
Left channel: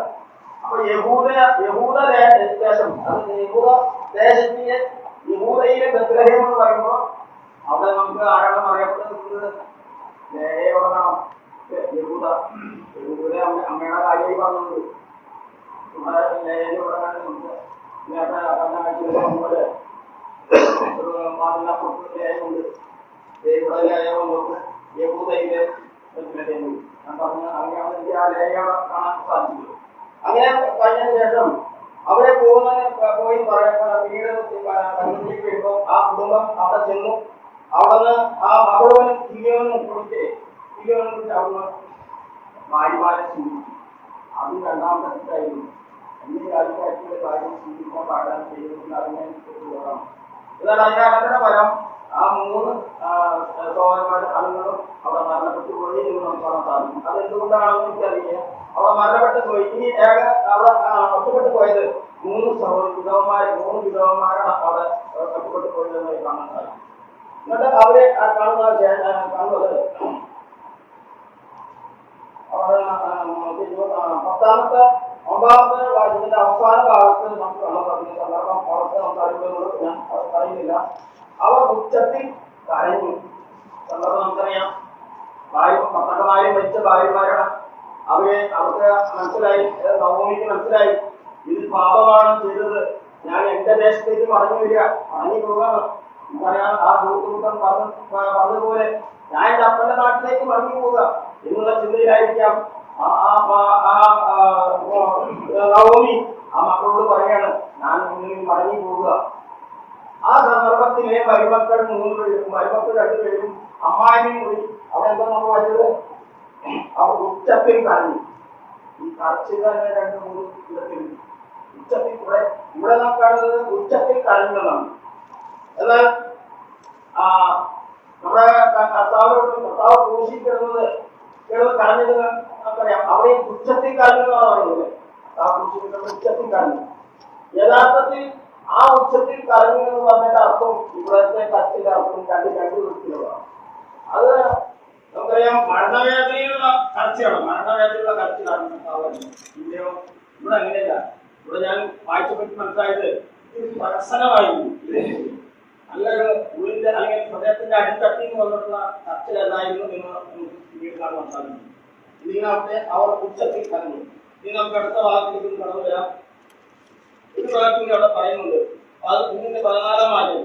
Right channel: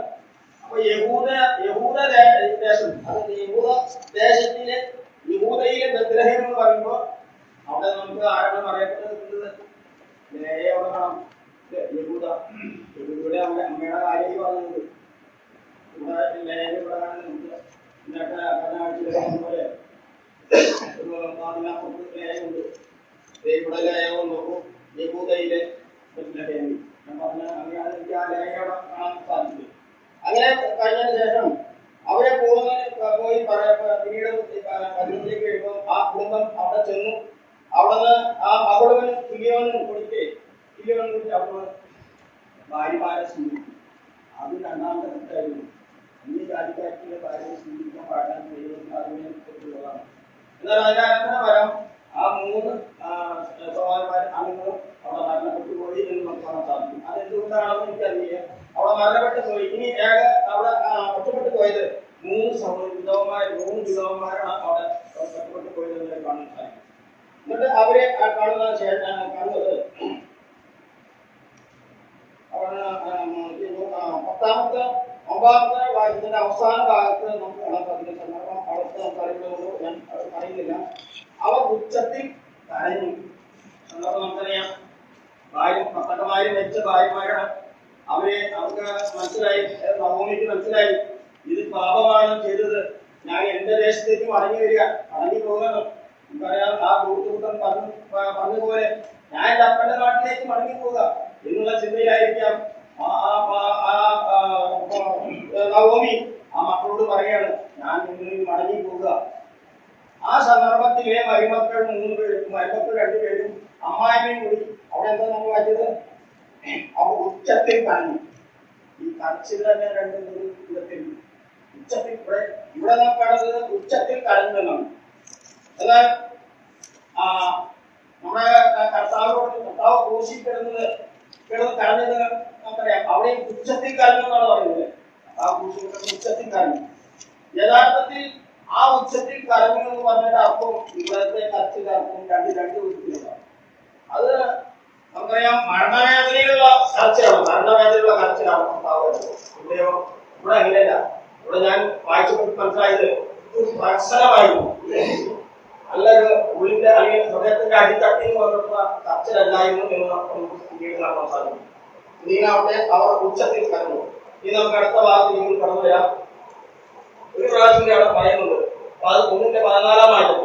അപ്പൊ യഹൂദ ദേശം, അത് യഹൂദ ദേശത്തിലെ യഹൂദയിലെ ബത്ലഹേം എന്ന് പറയുമ്പോൾ അവിടെ നമുക്ക് ആരാണ് പറയപ്പെടുന്നത്? ലേയയോടാണ്. യഹൂദ, യഹൂദയുടെ അമ്മയുടെ കാര്യമായി പറഞ്ഞത് നമ്മുടെ ലേയയോടാണ്. നമുക്ക് നേരത്തെ പറഞ്ഞ പോലെ അതിനപ്പുറത്ത് ലേയുണ്ട്, ഇവിടെ ലേയുണ്ട്, യഹൂദയിലെ ബത്ലഹേം. ഞാൻ പറഞ്ഞ അങ്ങനെയാണ് എനിക്ക് ആ ലേയയോടെ കാണാൻ സാധിച്ചത്. അങ്ങനെ കഴിഞ്ഞതിന് ശേഷം അവരെ പോയി പിന്നീട് പതിനഞ്ചിലേക്ക് വരുമ്പോൾ ആ കുടുംബം അവിടെ ചെന്നു. അവിടുന്ന് ആ മകളവനും കിലിയോനും കുറിച്ച് അവിടുന്ന് ഭാര്യമാരെ സ്വീകരിച്ചു. അത് 2ാമത്തെ തെറ്റായിരുന്നു. അന്യ രാജ്യക്കാരുടെ ഭാര്യ സ്വീകരിക്കാൻ പാടാൻ ചെയ്യുന്നതിൽ അതിനെ പോകാം. എന്നാൽ അതിന്റെ അനന്തര ഫലം ആ 3 സഹോദരന്മാരും അണുങ്ങളും അവിടെ മരണപ്പെട്ടു പോയി എന്ന് നമുക്ക് കാണാൻ സാധിക്കും. അതെന്തുകൊണ്ടാണെന്ന് എനിക്കറിയില്ല. അവിടെ മരണപ്പെട്ടു പോയി. ഇനി അവിടെ ഒറ്റപ്പെട്ടു പോയത് 3 വിധവന്മാരാണ് അവിടെ ഒറ്റപ്പെട്ടു പോയത് എന്ന് കാണാൻ സാധിക്കും. എന്നിട്ട് അവരെ കാണുന്നത് അവിടെ 10ാമത്തെ 9ാമത്തെ വാക്യത്തിന്റെ അവസാന ഭാഗത്ത് നമുക്ക് കാണാൻ സാധിക്കുന്ന സന്ദർഭം അവിടുത്തെ സംസാരിക്കുന്നതോട് ഞാൻ പറയുന്നില്ല. അവർ ഉച്ചത്തിൽ കരഞ്ഞു. സന്ദർഭം നമുക്കറിയാം. ഭർത്താക്കന്മാരും മരിച്ച ഭാര്യമാരാണ്. അവർക്ക് മനസ്സിലായി, നവോമിക്ക് മനസ്സിലായി ഇത് പാപമാണ് ചെയ്തത്. ഞാൻ എന്റെ ദേശത്തേക്ക് മടങ്ങി വരിക, മടങ്ങി പോകാണ്. നമുക്കറിയാം ആ ദൂതൻ പറഞ്ഞതുപോലെ ഞാൻ എന്റെ അപ്പന്റെ നാട്ടിലേക്ക് മടങ്ങി പോവുക എന്നുള്ള ചിന്തയിലായിരിക്കാം നവോമി ആ മക്കളോട് പറയാണ് ഞാൻ മടങ്ങി പോവുക. ആ സന്ദർഭത്തിലെ മരുമക്കൾ 2 അമ്മായിയും കൂടി അവിടെ എന്താ നമ്മൾ വായിച്ചത്? അവർ ഉച്ചത്തിൽ കരഞ്ഞു. ഈ കരച്ചിൽ തന്നെ 2-3 ഇടത്തിലുണ്ട്. ഉച്ചത്തിൽ ഇവിടെ നാം കാണുന്നത് ഉച്ചത്തിൽ കരഞ്ഞെന്നാണ്. എന്നാൽ നമ്മുടെ കർത്താവ് ക്രൂശിൽ കിടന്ന് കരഞ്ഞത് നമുക്കറിയാം. അവിടെ ഉച്ചത്തിൽ കരഞ്ഞെന്നാണ് പറയുന്നത്. ആ ക്രൂശിൽ ഉച്ചത്തിൽ കരഞ്ഞു. യഥാർത്ഥത്തിൽ ആ ഉച്ചത്തിൽ കരഞ്ഞു എന്ന് പറഞ്ഞതിന്റെ അർത്ഥം ഇവിടത്തെ കരച്ചിന്റെ അർത്ഥം 2 വിധത്തിലുള്ളതാണ്. അത് നമുക്കറിയാം മരണവേദനയിലുള്ള കരച്ചിലാണ് ഇവിടെയോ. ഇവിടെ അങ്ങനെയല്ല. ഇവിടെ ഞാൻ വായിച്ചപ്പോൾ മനസ്സിലായത് പ്രസനമായിരുന്നു. നല്ലൊരു ഉള്ളിന്റെ അല്ലെങ്കിൽ ഹൃദയത്തിന്റെ അടിത്തട്ടിൽ വന്നിട്ടുള്ള കരച്ചിലല്ലായിരുന്നു എന്ന് നമുക്ക് കാണാൻ സാധിക്കും. ഇതിനവിടെ അവർ ഉച്ചത്തിൽ കരഞ്ഞു. ഇനി നമുക്ക് അടുത്ത ഭാഗത്തേക്ക് കടന്നു വരാം. ഒരു പ്രാവശ്യം അവിടെ പറയുന്നുണ്ട് 1:14 ആയിട്ട്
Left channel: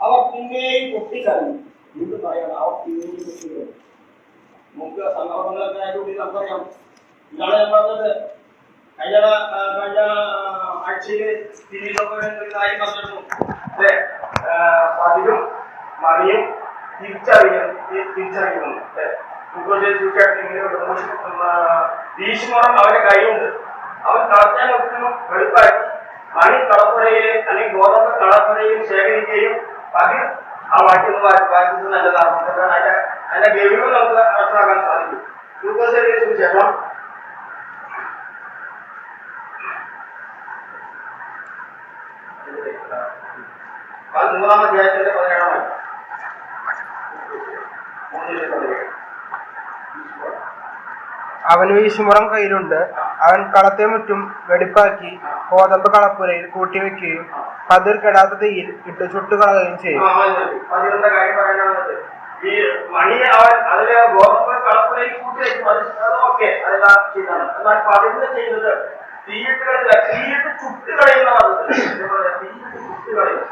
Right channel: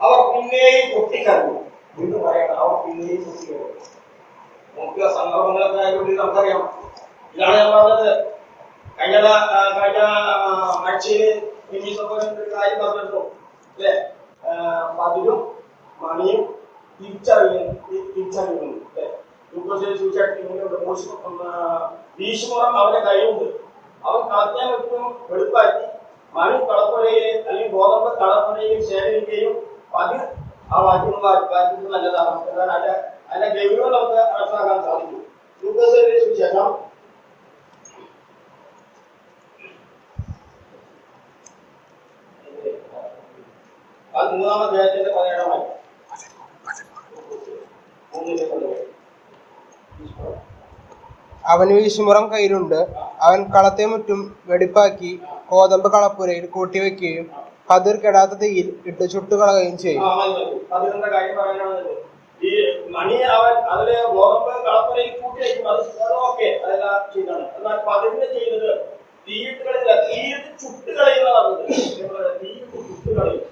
അവർ പിന്നെയും പൊട്ടിക്കരഞ്ഞു. വീണ്ടും പറയണം, അവർ പിന്നെയും പൊട്ടിക്കരഞ്ഞു. നമുക്ക് സന്ദർഭങ്ങളൊക്കെ ആയതുകൊണ്ട് നമുക്കറിയാം. ഇതാണ് ഞാൻ പറഞ്ഞത്. കഴിഞ്ഞ ആഴ്ചയില് കാര്യം പറഞ്ഞിരുന്നു. അല്ലെ, പതിരും മറിയും തിരിച്ചറിയുന്നു. ഭീഷ്മരം അവന്റെ കൈയുണ്ട്. അവൻ കളത്താൻ ഒട്ടും വെളുപ്പാക്കി മണി കളപ്പുരയിൽ അല്ലെങ്കിൽ ഗോതമ്പ് കളപ്പുരയിൽ ശേഖരിക്കുകയും പതിർ ആ വായിക്കുന്നത് നല്ലതാണ്. അതിന്റെ ഗൗരവം നമുക്ക് മനസ്സിലാക്കാൻ സാധിക്കും. സുവിശേഷം 13-ാം അധ്യായത്തിന്റെ 17-ാം വാക്യം. അവന് വീശുമുറം കയ്യിലുണ്ട്. അവൻ കളത്തെ മുറ്റും വെടിപ്പാക്കി ഗോതമ്പ് കളപ്പുരയിൽ കൂട്ടിവെക്കുകയും പതിർ കെടാത്ത തീയിൽ ഇട്ട് ചുട്ടുകളയുകയും ചെയ്യും. പതിറിന്റെ കാര്യം പറയാനാണത്. ഈ മണി അവൻ അതില് ഗോതമ്പ് കളപ്പുരയിൽ കൂട്ടിവെക്കും. അത് ഓക്കെ, അതെല്ലാം ചെയ്താണ്. എന്നാൽ പതിരിന്റെ ചെയ്യുന്നത് തീയിട്ട് ചുട്ടുകളയുന്നതാണ്. തീയിട്ട് ചുട്ടുകളയും.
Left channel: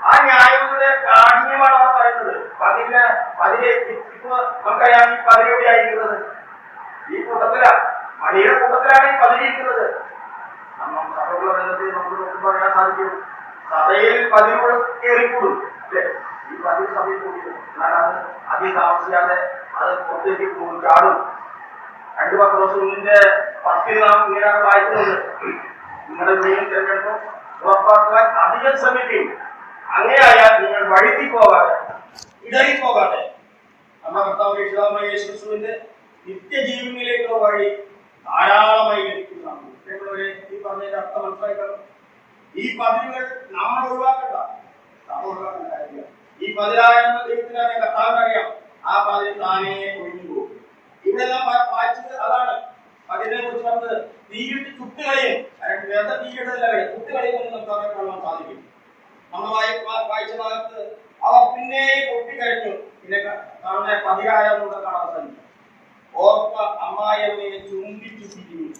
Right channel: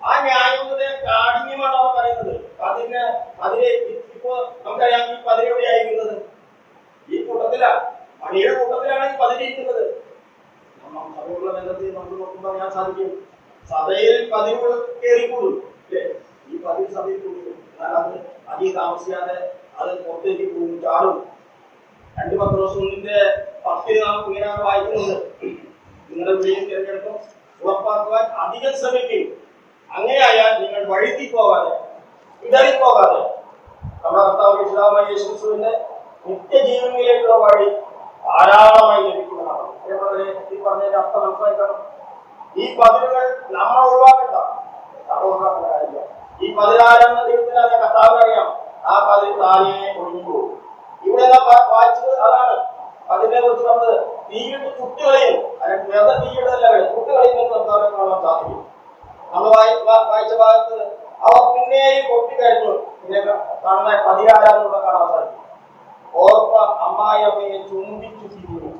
ആ ന്യായങ്ങളുടെ കാഠിന്യമാണ് അവർ പറയുന്നത്. പതിരെ ഇപ്പൊ നമുക്കറിയാം ഈ പതിരെവിടെ ആയിരിക്കുന്നത്? ഈ കൂട്ടത്തിലാണ്, മണിയുടെ കൂട്ടത്തിലാണ് ഈ പതിരിയിരിക്കുന്നത്. സഭയുള്ള ബന്ധത്തിൽ നമുക്ക് പറയാൻ സാധിക്കും. സഭയിൽ പതിവ് കയറിക്കൂടും അല്ലെ? ഈ പതിവ് സഭയിൽ കൂടിയത്. എന്നാൽ അത് അധികം താമസിക്കാതെ അത് പുറത്തേക്ക് ചാടും. 2 പത്രോസിന്റെ 10 നാം ഇങ്ങനെ വായിക്കുന്നുണ്ട്. നിങ്ങളുടെ വിജയം തിരഞ്ഞെടുപ്പ് ഉറപ്പാക്കുവാൻ അധികം ശ്രമിക്കും. അങ്ങനെയായാൽ നിങ്ങൾ വഴുതിപ്പോകാതെ ഇടറിപ്പോകാതെ നമ്മുടെ കർത്താവ് രക്ഷിതാവായ യേശുക്രിസ്തുവിന്റെ നിത്യജീവനിലേക്കുള്ള വഴി ധാരാളമായി ലഭിക്കുന്നതാണ്. ഈ പറഞ്ഞതിന്റെ അർത്ഥം മനസ്സിലാക്കണം. ഈ പതിരുകൾ നമ്മൾ ഒഴിവാക്കണ്ട, നമ്മൾ ഒഴിവാക്കേണ്ട കാര്യമില്ല. ഈ 10,000 ദൈവത്തിന് അറിയാം, കർത്താവിന് അറിയാം. ആ 10 താനേ ഒഴിഞ്ഞു പോകും. ഇവിടെ എല്ലാം വായിച്ചത് അതാണ്. അതിനെ കുറിച്ച് പറഞ്ഞത് തീയിട്ട് ചുട്ടുകളയും, വെറുതെ തീയിടല്ല വഴി ചുട്ടുകളയുമെന്ന് നമുക്ക് അവരെ കാണാൻ സാധിക്കും. നമ്മൾ വായിച്ച ഭാഗത്ത് അവർ പിന്നെയും പൊട്ടിക്കഴിഞ്ഞു. പിന്നെ കാണുന്ന 10,000 കാണാൻ സാധിക്കും. ഓർപ്പ അമ്മായിയമ്മയെ ചുംബിച്ചു തിരിഞ്ഞു.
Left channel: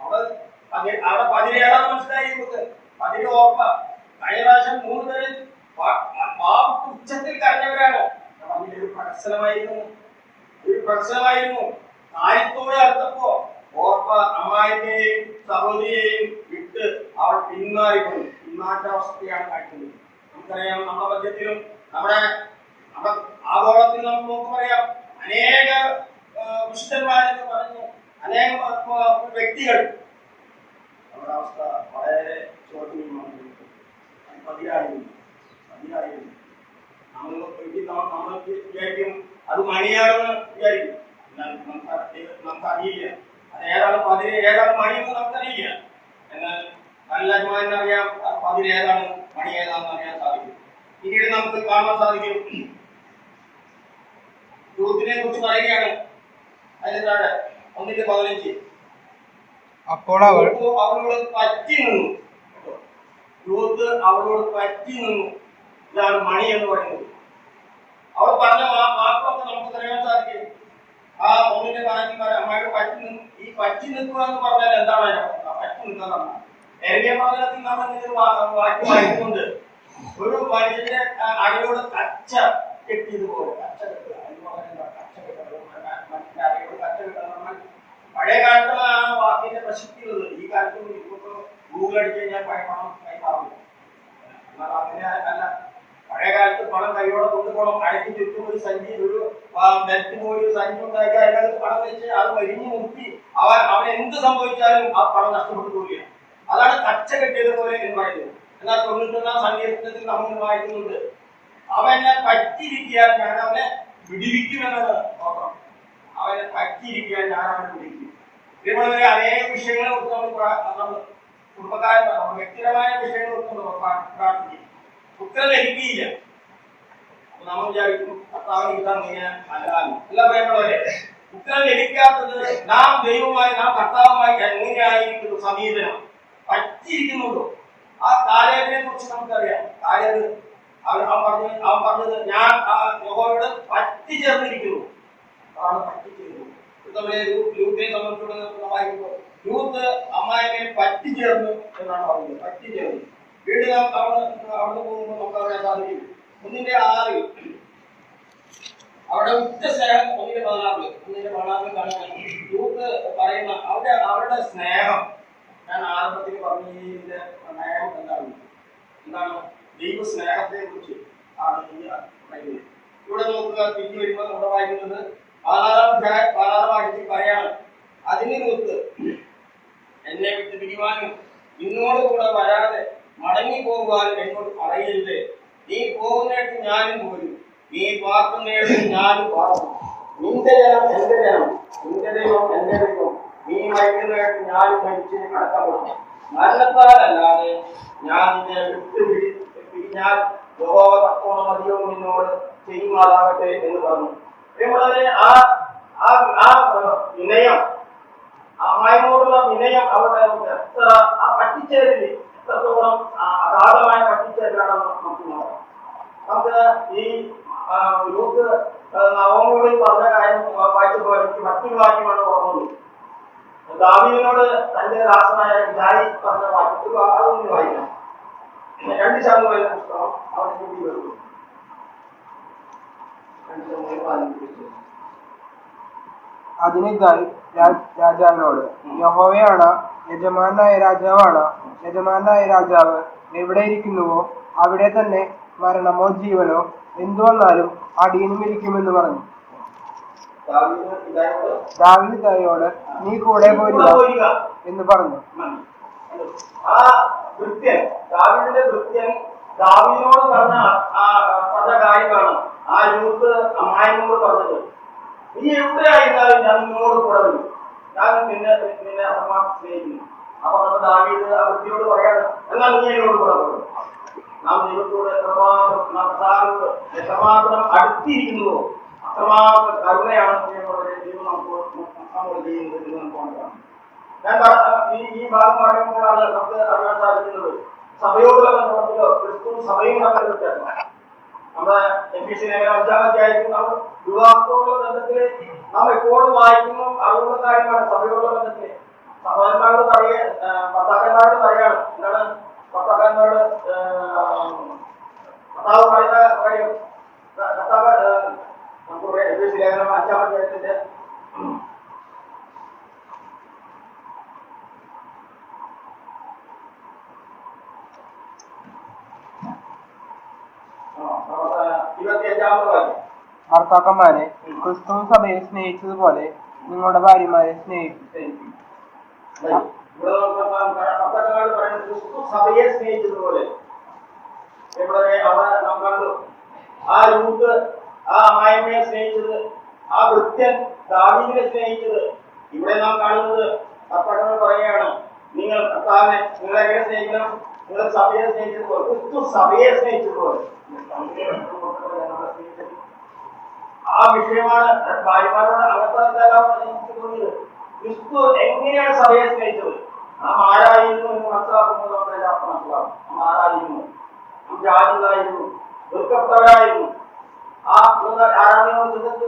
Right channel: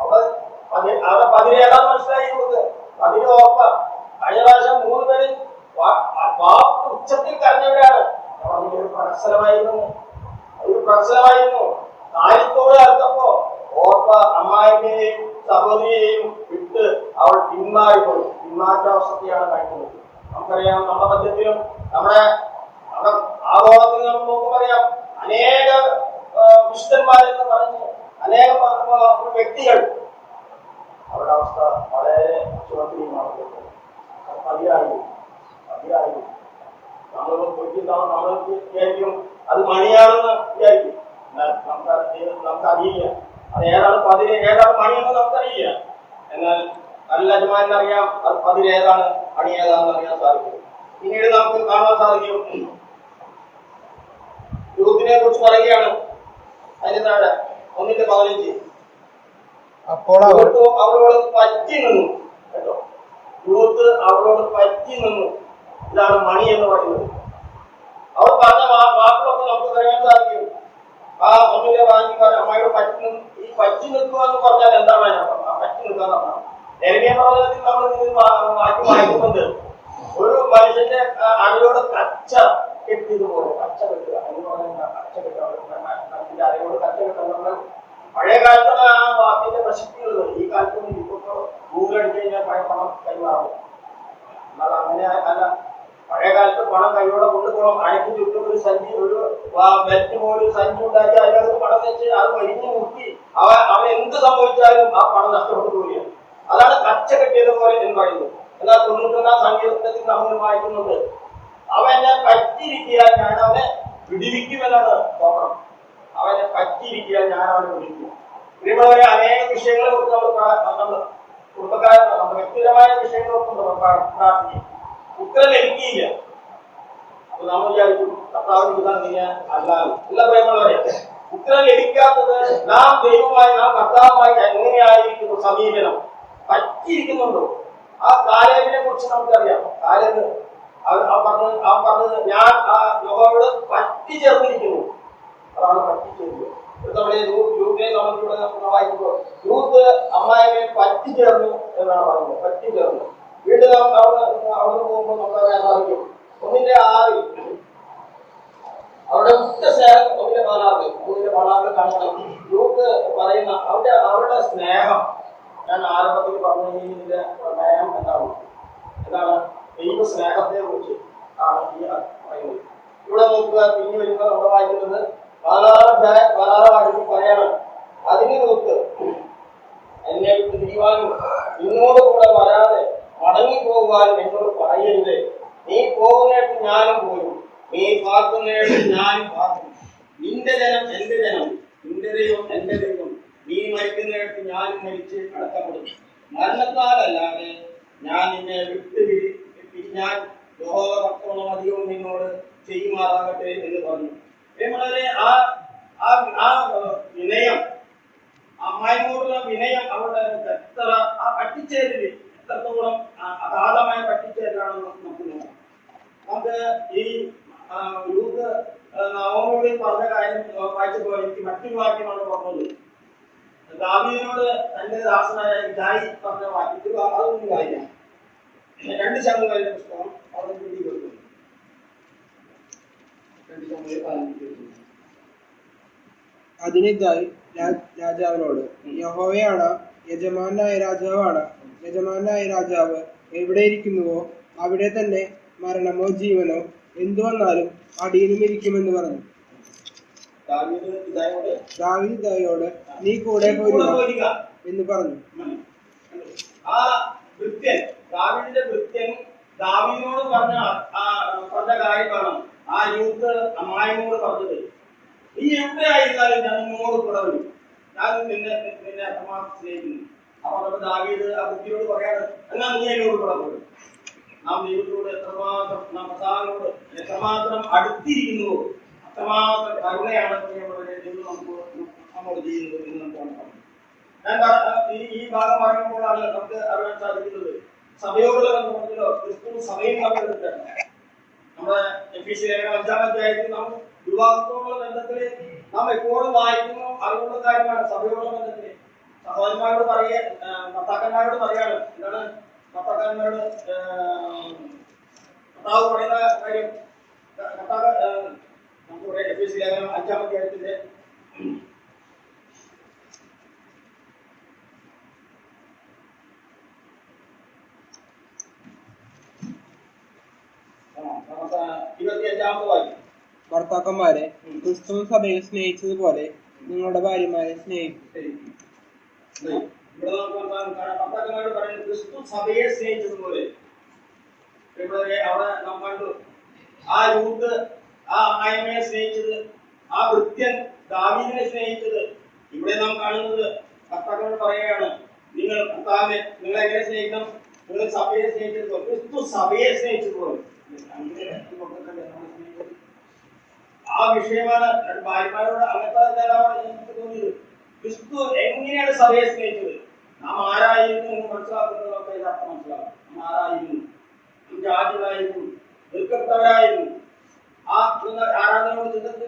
അവിടെ 17 മനസ്സിലായി നമുക്ക്. 10 ഓർപ്പ. കഴിഞ്ഞ പ്രാവശ്യം 3 പേര് ഉച്ചത്തിൽ കരഞ്ഞവരാണ്. അതിലൊരു പ്രഹസനമായിരുന്നു, അതൊരു പ്രഹസനമായിരുന്നു. കാര്യത്തോടെ അടുത്തപ്പോ ഓർപ്പ അമ്മായിയെയും സഹോദരിയെയും വിട്ട് അവൾ പിന്മാറിക്കൊണ്ടു. പിന്മാറ്റാവസ്ഥയാണ് കാട്ടുന്നത്. നമുക്കറിയാം, നമ്മുടെ മധ്യത്തിലും നമ്മുടെ ആഗോളത്തിൽ നമുക്ക് നോക്കുമ്പോൾ അറിയാം, അനേക വിശുദ്ധന്മാരെന്ന് പറഞ്ഞ് അനേക വ്യക്തികൾ അവരുടെ അവസ്ഥ വളരെ ചുമത്തിലുമാണ്. പതിരായിരുന്നു. നമ്മൾ വിചാരിക്കും അത് മണിയാണെന്ന് വിചാരിക്കും. നമുക്കറിയില്ല അത് ഏതാണ് മണിയെന്ന് നമുക്കറിയില്ല. എന്നാൽ നല്ല യജമാനറിയാം അത് 10 ഏതാണ് മണി ഏതാണെന്ന് അറിയാൻ സാധിക്കും. പിന്നീട് നമുക്ക് കാണാൻ സാധിക്കും, യൂത്തിനെ കുറിച്ച് പറയുകയാണ്. അതിന് താഴെ 1:15 അപ്പോൾ അവളോട് പറ്റി നിന്നു. കേട്ടോ, യൂത്ത് അവളോട് പറ്റി നിന്നു. ഇതാണ് മണി എന്ന് പറയുന്നത്. അവർ പറഞ്ഞ വാക്കുകളൊക്കെ നമുക്ക് അറിയാൻ സാധിക്കും. ആ 1:15 അമ്മയോട് പറ്റി നിന്നു. ഈ പറ്റി നിൽക്കുക എന്ന് പറഞ്ഞാൽ എന്താണ് പറ്റി നിൽക്കുക എന്നാണ്. യെരമ്യാ പ്രവചനത്തിൽ നമ്മൾ വാക്യം വായിക്കുന്നുണ്ട്. ഒരു മനുഷ്യന്റെ അരയോട് കച്ച കെട്ടിയതുപോലെ. കച്ച കെട്ടുക എന്ന് പറഞ്ഞാൽ കച്ച കെട്ടുക, മനുഷ്യന്റെ അരയോട് കച്ച കെട്ടുക. നമ്മൾ പഴയ കാലത്തുള്ള ആ വാക്കിന്റെ പ്രസക്തിയുള്ളത്. ഈ കാലത്തൊന്നും ഇപ്പൊ ഗൂഗിൾ അടിച്ചു കഴിഞ്ഞാൽ പഴയ പണം കൈമാറും. എന്നാൽ അങ്ങനെ അല്ല. പഴയ കാലത്ത് പണം കൈയോടെ കൊണ്ടുപോകണം. അരയ്ക്ക് ചുറ്റും ഒരു സഞ്ചി, ഒരു ബെൽറ്റ് പോലെ ഒരു സഞ്ചി ഉണ്ടാക്കി അതിനകത്ത് പണം വെച്ച് അത് വലിഞ്ഞു മുക്കി അവൻ എന്ത് സംഭവിച്ചാലും ആ പണം നഷ്ടപ്പെട്ടു പോവുകയാണ്. അതാണ് കച്ച കെട്ടിയതുപോലെ എന്ന് പറയുന്നത്. എന്നാൽ 91-ാം സങ്കീർത്തനത്തിൽ നമ്മൾ വായിക്കുന്നുണ്ട്, അവൻ എന്നെ പറ്റിയിരിക്കാൻ ഞാൻ അവനെ വിടിവിക്കുമെന്നാണ് തോത്രം. അവനെ പറ്റിയിരിക്കാൻ ഞാൻ അവനെ വിടിവിക്കും. ഇതുപോലെ അനേക വിഷയങ്ങളെ കുറിച്ച് നമ്മൾ കുടുംബക്കാരൻ നമ്മുടെ വ്യക്തിപരമായ വിഷയങ്ങളെ കുറിച്ച് നമ്മൾ പ്രാർത്ഥിക്കും. ഉത്തരം ലഭിക്കുകയില്ല. അപ്പൊ നമ്മൾ വിചാരിക്കും കർത്താവിന് ഉത്തരം ചെയ്യാൻ അല്ലാതെ. എല്ലാ പ്രേമമുള്ളവരെ, ഉത്തരം ലഭിക്കാത്തത് നാം ദൈവമായി, നാം കർത്താവുമായി എങ്ങനെയായിരിക്കുന്നു സമീപനം, പറ്റിയിരിക്കുന്നുണ്ടോ? ആ കാലേബിനെ കുറിച്ച് നമുക്കറിയാം. കാലേബ് അവൻ പറഞ്ഞത് ഞാൻ ആ യഹോവയോട് പറ്റിച്ചേർന്നിരിക്കുന്നു. അതാണ് പറ്റിച്ചേരുന്നത്. ലൂത്തിനെ സംബന്ധിച്ചുള്ള വായിക്കുമ്പോൾ ലൂത്ത് അമ്മായിയെ പറ്റിച്ചേർന്നു എന്നാണ് പറയുന്നത്. പറ്റിച്ചേർന്നു. വീണ്ടും അവിടുന്ന് പോകുമ്പോൾ നമുക്ക് അറിയാൻ സാധിക്കും 1:6 അവിടെ മുഖ്യ സ്നേഹം. 1:16 കാണുന്ന ലൂത്ത് പറയുന്ന അവരുടെ സ്നേഹം. ഞാൻ ആരംഭത്തിൽ പറഞ്ഞതിന്റെ പ്രമേയം എന്താണ് ദൈവ സ്നേഹത്തെ കുറിച്ച് ആണ് ഈ പറയുന്നത്. ഇവിടെ നോക്കുക, പിന്നീട് വരുമ്പോൾ നമ്മൾ വായിക്കുന്നത് 16 വാക്യത്തിൽ പറയാണ്, അതിന് ലൂത്ത് എന്നെ വിട്ട് പിരിവാനും നിന്നോട് കൂടെ വരാതെ മടങ്ങി പോകുവാനും എന്നോട് പറയരുത്. നീ പോകുന്നിടത്ത് ഞാനും പോരും, നീ പാർക്കുന്നിടത്ത് ഞാനും പാർക്കും. നിന്റെ ജനം എന്റെ ജനം, നിന്റെ ദൈവം എന്റെ ദൈവം. നീ മരിക്കുന്നിടത്ത് ഞാനും മരിച്ച് അടക്കപ്പെടും. മരണത്താലല്ലാതെ ഞാൻ നിന്നെ പിരിഞ്ഞാൽ യഹോവ അധികവും നിന്നോട് ചെയ്യുമാറാകട്ടെ എന്ന് പറഞ്ഞു. പ്രിയമുള്ളവരെ, ആ വിനയം, അമ്മായിനോടുള്ള വിനയം അവരുടെ എത്ര ആ പറ്റിച്ചേരല് എത്രത്തോളം അഗാധമായ പറ്റിച്ചേരലാണെന്ന് നമുക്ക് നോക്കാം. നമുക്ക് ഈ യൂത്ത് നവമികളിൽ പറഞ്ഞ കാര്യം വായിച്ചപ്പോൾ എനിക്ക് മറ്റൊരു വാക്യമാണ് ഓർമ്മത്. ദാവീദിനോട് തന്റെ ദാസനായ ജായി പറഞ്ഞ വാക്യത്തിൽ അതൊന്നും വായിക്കാം. 2 ശമൂവേലിന്റെ പുസ്തകം അവനെ കൂടി വരുന്നു. 2 ശമൂവേൽ 15. അതിന് ഗായി രാജാവിനോട്, യഹോവയാണ് യജമാനായ രാജാവാണ്. യജമാനായ രാജാവ് എവിടെ ഇരിക്കുന്നുവോ അവിടെ തന്നെ മരണമോ ജീവനോ എന്തു വന്നാലും അടിയനും ഇരിക്കുമെന്ന് പറഞ്ഞു. ദാവീദ് ഇതായോട്, നീ കൂടെ പോരുക എന്ന് പറഞ്ഞു. ആ ഭൃത്യൻ, ദാവീദിന്റെ ഭൃത്യൻ ദാവീദിനോട് പറഞ്ഞ കാര്യമാണ് ആ യൂത്ത് അമ്മായിനോട് പറഞ്ഞത്. നീ എവിടെയായിരുന്നാലും ഞാൻ നിന്നോട് കൂടെ വരും, ഞാൻ നിന്നെ അത്രമാത്രം സ്നേഹിക്കുന്നു. അപ്പൊ നമ്മൾ ദാവീദ് ആ വൃത്തിയോട് പറയാണ്, എന്നാൽ നീ എന്നോട് കൂടെ പോകും. നാം ദൈവത്തോട് എത്രമാത്രം, നാം കർത്താവിനോട് എത്രമാത്രം അടുത്തിരിക്കുന്നുവോ അത്രമാത്രം കരുണയാണ് ദൈവം നമ്മോട് ചെയ്യുന്നത് എന്ന് നമുക്ക് മനസ്സിലാക്കാം. ഞാൻ ഈ ഭാഗം പറയുമ്പോഴാണ് നമുക്ക് അറിയാൻ സാധിക്കുന്നത് സഭയോടുള്ള ബന്ധത്തിലോ ക്രിസ്തു സഭയും തമ്മിൽ വ്യത്യാസമാണ്. നമ്മുടെ എഫീസ്യ ലേഖനം 5-ാം അധ്യായത്തിൽ നമ്മൾ വിവാഹത്തോടുള്ള ബന്ധത്തില് നാം എപ്പോഴും വായിക്കുന്നു അറിവുള്ള കാര്യമാണ്. സഭയോടുള്ള ബന്ധത്തില് സഹോദരന്മാരോട് ഭർത്താക്കന്മാരോട് പറയാണ്, എന്താണ് ഭർത്താക്കന്മാരോട് കർത്താവ് പറയുന്ന കാര്യം. കർത്താവ് നമുക്ക് എഫീസ്യ ലേഖനം 5-ാം അധ്യായത്തിന്റെ 25-ാമത്തെ വാക്യം. ഭർത്താക്കന്മാരെ ക്രിസ്തു സഭയെ സ്നേഹിച്ചതുപോലെ നിങ്ങളുടെ ഭാര്യമാരെ സ്നേഹിക്കും. ഇവിടെ ഭർത്താക്കന്മാരോട് പറയുന്നത് ക്രിസ്തു സഭയെ സ്നേഹിച്ചതുപോലെ. ഇവിടെ അവിടെ നാം കണ്ടു ആ രൂത്ത് ആ അമ്മായിമ്മയെ സ്നേഹിച്ചത്, ആ വൃത്യൻ ദാവീദിനെ സ്നേഹിച്ചത്. ഇവിടെ നാം കാണുന്നത് ഭർത്താക്കന്മാർ പറയുകയാണ്, നിങ്ങൾ കർത്താവിനെ നിങ്ങൾ എങ്ങനെ സ്നേഹിക്കണം? നിങ്ങൾ സഭയെ സ്നേഹിച്ചതുപോലെ, ക്രിസ്തു സഭയെ സ്നേഹിച്ചതുപോലെ. ആ വിഷയമാണ് ഭാര്യമാരോട് അങ്ങനത്തെ എനിക്ക് തോന്നിയത്. ക്രിസ്തു എങ്ങനെയാണ് സഭയെ സ്നേഹിച്ചത്? നാം ആരായിരുന്നു എന്ന് മനസ്സിലാക്കുമ്പോൾ നമുക്ക് എല്ലാവർക്കും മനസ്സിലാവും. നാം ആരായിരുന്നു? നാം ജാതികളായിരുന്നു, വെറുക്കപ്പെട്ടവരായിരുന്നു. ആ ആരാധന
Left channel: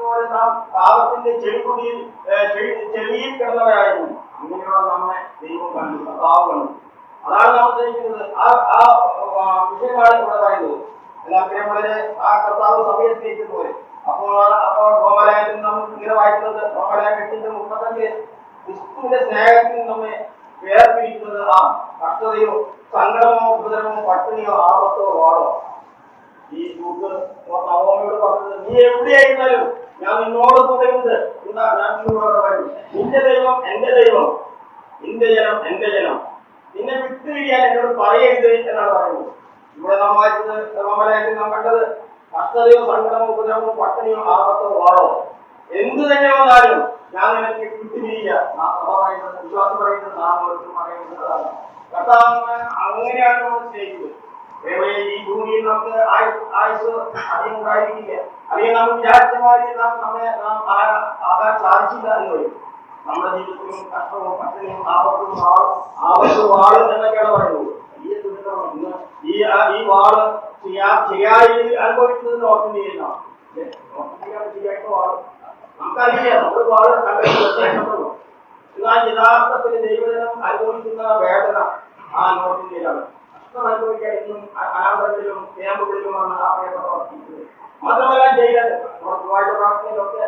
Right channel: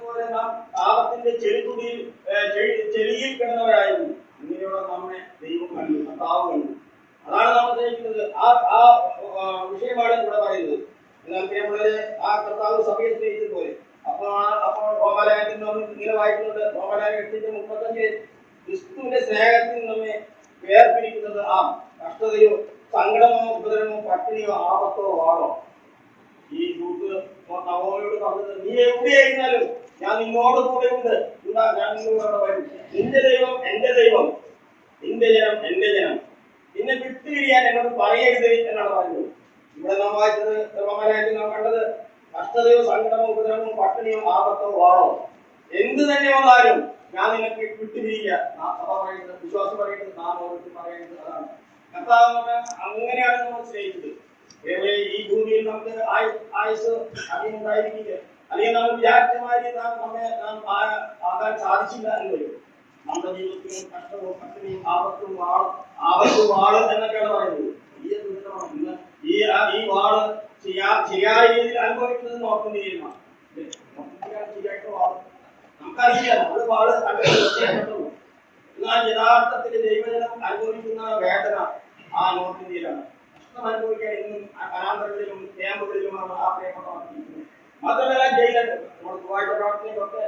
പോലെ നാം പാപത്തിന്റെ ചെളിയിൽ കിടന്നവരായിരുന്നു. അങ്ങനെയുള്ള നമ്മെ ദൈവം കണ്ടു, കർത്താവ് കണ്ടു. അതാണ് നാം സ്നേഹിക്കുന്നത്. ആ വിഷയമാണ് ഇവിടെ പറയുന്നത്. എന്നാൽ പ്രിയമുള്ളവരെ, ആ കർത്താവ് സഭയെ സ്നേഹിച്ചതുപോലെ. അപ്പോൾ റോമാലയത്തിൽ നാം ഇങ്ങനെ വായിക്കുന്നത്, റോമാലയം 8:35 ക്രിസ്തുവിന്റെ സ്നേഹത്തിൽ നമ്മെ വേർപിരിക്കുന്നത് ആ കഷ്ടതയോ സങ്കടമോ ഉപദ്രവമോ പട്ടിണിയോ ആപത്തോ വാടോ. ഈ ദൂത് നവോമയോട് പറഞ്ഞത്, നീ എവിടെയായിരുന്നാലും ഞാൻ നിന്നോട് കൂടെ ഉണ്ട്, ഞാൻ നിന്നോട് വരും. നിന്റെ ദൈവം എന്റെ ദൈവം, നിന്റെ ജനം എന്റെ ജനം, നിന്നെ വിട്ടുപിരിയാൻ എന്നോട് പറയരുത് എന്നാണ് പറയുന്നത്. ഇവിടെ നാം വായിച്ചത് റോമാലയത്തിൽ നാം കണ്ടത് കഷ്ടതയോ സങ്കടമോ ഉപദ്രവമോ പട്ടിണിയോ ആപത്തോ വാടോ എന്ത് തന്നെ വന്നാലും ഞാൻ നിനക്ക് വിട്ടുപിരിയില്ല. വിശ്വാസം പറയുന്നത് നാം ഓരോരുത്തരും പറയുന്നത് അതാണ്. കർത്താവ് അങ്ങനെയാണ് നമ്മൾ സ്നേഹിച്ചത്. ഈ ഭൂമിയിൽ നമുക്ക് ആയുസ് അധികം ഉണ്ടായിരിക്കില്ല. അല്ലെങ്കിൽ നാം വിചാരിച്ചമാരി നാം ആകാൻ സാധിച്ചില്ല എന്ന് വരും. നമ്മുടെ ജീവിതത്തിലും കഷ്ടവും പട്ടിണിയും ആപത്തും വാള് എന്നൊക്കെയാണ് പറയുന്നത്. വലിയ ദുരിതമാണ് ഈ വാള് ശരിയായ രീതിയിൽ അനുഭവിക്കുന്നത് നോർത്ത് ഇന്ത്യയിലാണ്. നോർത്ത് ഇന്ത്യയിലാണ് ശരിയായിട്ട് വാള് നമുക്കറിയില്ല. നമ്മുടെ വാള് കണ്ടുള്ളൂ. എന്നാൽ യഥാർത്ഥത്തിൽ ദൈവജനം അനുഭവിക്കുന്ന വേദന ആ നോർത്ത് ഇന്ത്യയിലാണ്. കഷ്ടം അനുഭവിക്കാൻ ഇന്നും അനാഥകളിലും ക്യാമ്പുകളിലുമാണ് ആ പ്രിയപ്പെട്ട വർദ്ധിക്കുന്നത്. മാത്രമല്ല ജയിലുണ്ട്. നമ്മുടെ ചൊവ്വാഴ്ച പ്രാർത്ഥനയിലൊക്കെ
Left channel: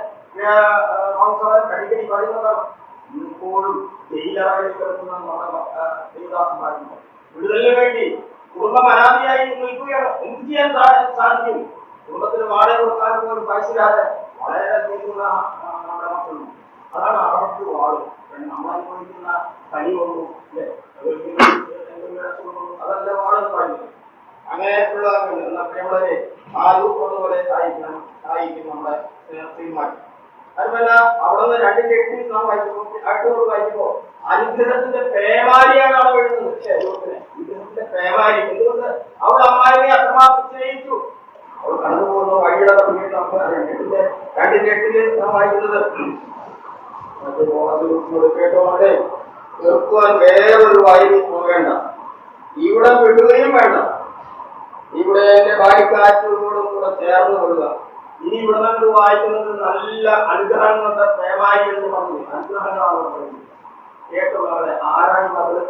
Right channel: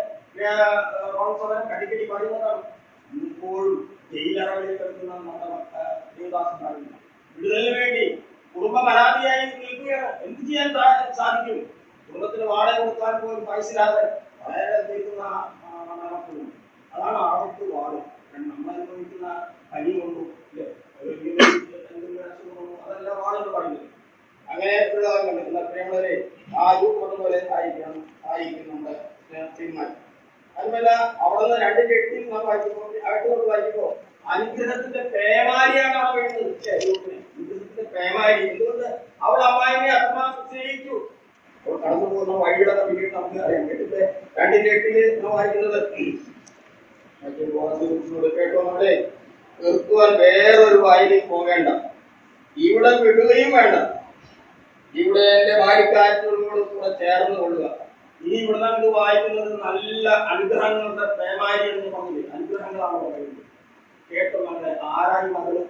അടിക്കടി പറയുന്നതാണ്, ഇപ്പോഴും ജയിലറകളിൽ കിടക്കുന്ന നമ്മുടെ ദേവദാസന്മാരുണ്ട്. വിടുതലിന് വേണ്ടി കുടുംബം അനാഥിയായി നിൽക്കുകയാണ്. എന്ത് ചെയ്യാൻ സാധിക്കും? കുടുംബത്തിന് വാടക കൊടുക്കാൻ പോലും പൈസയില്ലാതെ വളരെ നിൽക്കുന്ന നമ്മുടെ മക്കളുണ്ട്. അതാണ് അവർക്ക് വാട്. നമ്മളനുഭവിക്കുന്ന പനി കൊണ്ടു അതല്ല വാടെന്ന് പറയുന്നത്. അങ്ങനെ പ്രിയമുള്ളവരെ ആ രൂപം പോലെ ആയിരിക്കും നമ്മുടെ തീരുമാനം. അതുമല്ല അവിടുന്ന് 2:8 നാം വായിക്കുമ്പോൾ അനുഗ്രഹത്തിന്റെ പേമാരിയാണ് അവിടെ വീഴുന്നത്. അനുഗ്രഹത്തിന്റെ പേമാരി. എന്തുകൊണ്ട്? അവൾ അമ്മായിയെ അത്രമാത്രം സ്നേഹിച്ചു. അവൾ കടന്നു പോകുന്ന വഴിയുടെ പിന്നീട് നമുക്ക് 2:8 നാം വായിക്കുന്നത്, കേട്ടോ അവിടെ വെറുക്കുവാൻ വേറൊരു വയലിൽ പോകേണ്ട, ഇവിടെ വിടുകയും വേണ്ട, ഇവിടെ എന്റെ വായിക്കാറ്റോടും കൂടെ ചേർന്ന് കൊള്ളുക. ഇനി ഇവിടെ നിന്ന് വായിക്കുന്നത് നല്ല അനുഗ്രഹങ്ങളുടെ പേമാരി എന്ന് പറഞ്ഞു. അനുഗ്രഹങ്ങളാണ് പറയുന്നത്. കേട്ടോ മകളെ, ആരാണ് മകള്?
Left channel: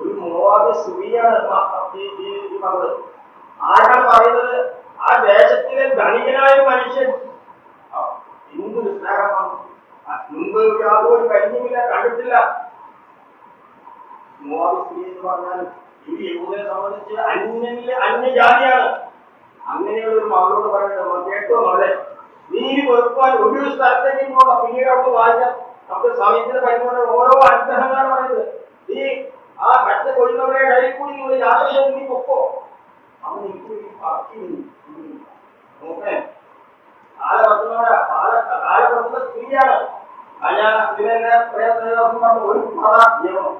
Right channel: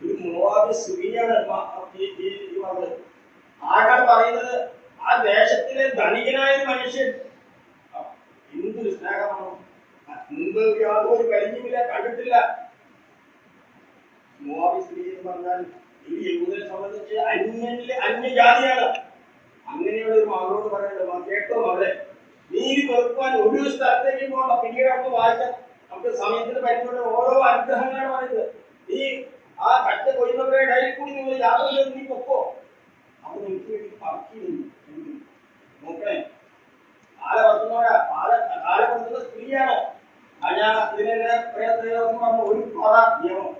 ഒരു മോവാബ് സ്ത്രീയാണ് ഈ മകള്. ആരാണ് പറയുന്നത്? ആ ദേശത്തിലെ ധനികനായ മനുഷ്യൻ. എന്തൊരു സ്നേഹമാണ്! മുമ്പ് യാതൊരു പരിചയമില്ല, കണ്ടിട്ടില്ല. മോവാബ് സ്ത്രീ എന്ന് പറഞ്ഞാൽ ഈ യഹൂദനെ സംബന്ധിച്ച് അന്യജാതിയാണ്. അങ്ങനെയുള്ള ഒരു മകളോട് പറയുന്നത്, കേട്ടോ മകളെ, നീ വെറുപ്പാൻ ഒരു സ്ഥലത്തേക്കും പോകണം. പിന്നീട് നമുക്ക് വായിക്കാം. നമുക്ക് സമയത്തിന് പരിപാടി ഓരോ അനുഗ്രഹങ്ങളാണ് പറയുന്നത്. നീ ആ കറ്റ കൊയ്യുന്നവരുടെ ഇടയിൽ കൂടി നിങ്ങൾ യാത്ര ചെയ്ത് നീ പൊക്കോ. അവൻ എനിക്ക് വേണ്ടി പറക്കി നോക്കണേ. കാലപ്പെടുത്തുന്ന സ്ത്രീയാണ്. ഞാൻ ഇതിനെ പറഞ്ഞു ഒരു പറ നിയമം.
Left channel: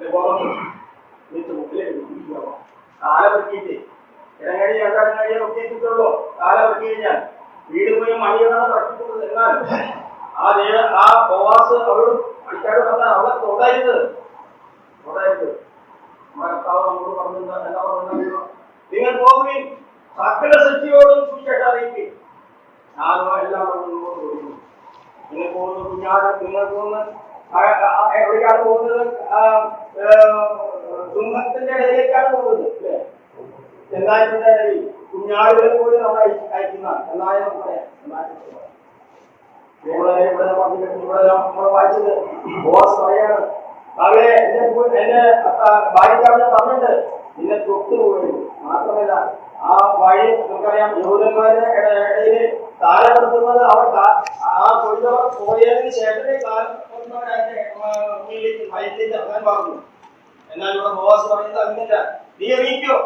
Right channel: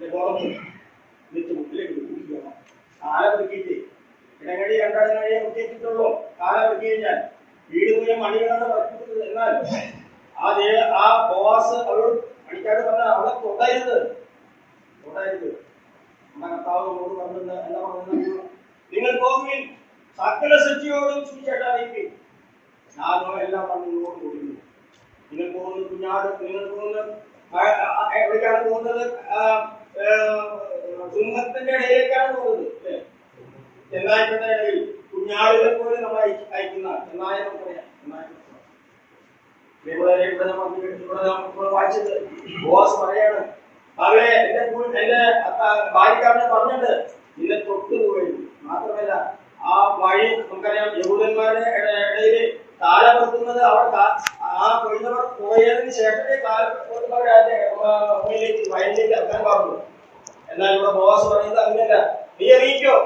ഗോതമ്പ് വിത്ത് മുട്ടിലേക്ക് കുടിക്കണം. കാല പെറുക്കിയിട്ട് ഇടങ്ങഴി രണ്ടടങ്ങഴി ഒക്കെ കിട്ടുള്ളൂ. കാല പെറുക്കി കഴിഞ്ഞാൽ വീട് പോയി മണികളാണ് പറക്കുന്നത്. എന്നാൽ ആ ബോവാസ് അവൾ പണിക്കാട് പറഞ്ഞാൽ അവളെ തൊടരുത്. കർത്താവ് നമ്മോട് പറഞ്ഞു എന്താ പറഞ്ഞു, നിങ്ങൾ പോകുവിൻ, സകല സൃഷ്ടിയോടും സുവിശേഷം അറിയിപ്പിൻ, ഞാനോ എല്ലാം മുന്നോട്ട് കൊടുക്കുന്നു. നിങ്ങൾ പോകുന്ന കുഞ്ഞാട്, നിങ്ങൾ പോകുന്ന എവിടേക്കാണ് പോകുന്നത്? സിംഹത്തിന്റെ ഇടയിലേക്കാണ് പോകുന്നത് അല്ലേ? ചെന്നായത്തിന്റെ ഇടയിൽ കുഞ്ഞാടുകളെ പോലും നമ്മൾ അയക്കുന്ന ചെന്നായ നമുക്ക് പറയാം. ഇവിടെ നമ്മൾ വായിച്ചത് ബോസ് പറയാണ്, അവരെ എന്റെ ഭാര്യക്കാരനെ പറഞ്ഞിട്ട് നിന്നെ തൊട്ടു പോകരുത്. മാത്രമല്ല ആ വഴി നമുക്കറിയാം, യഹൂദന്മാരുടെ ഇടയില് കാലപ്പെടുത്തുന്നത് അവർ ആ കൊയ്തവർ പോയതിന് ശേഷമേ കാലപ്പെടുത്തുന്നവരെ വയലിലേക്ക് ഇറങ്ങാൻ പറഞ്ഞു. എന്നാൽ ഇവിടെ ബോസ് പറയുന്നത് അങ്ങനെയല്ല, നീ അറിയിക്കോ,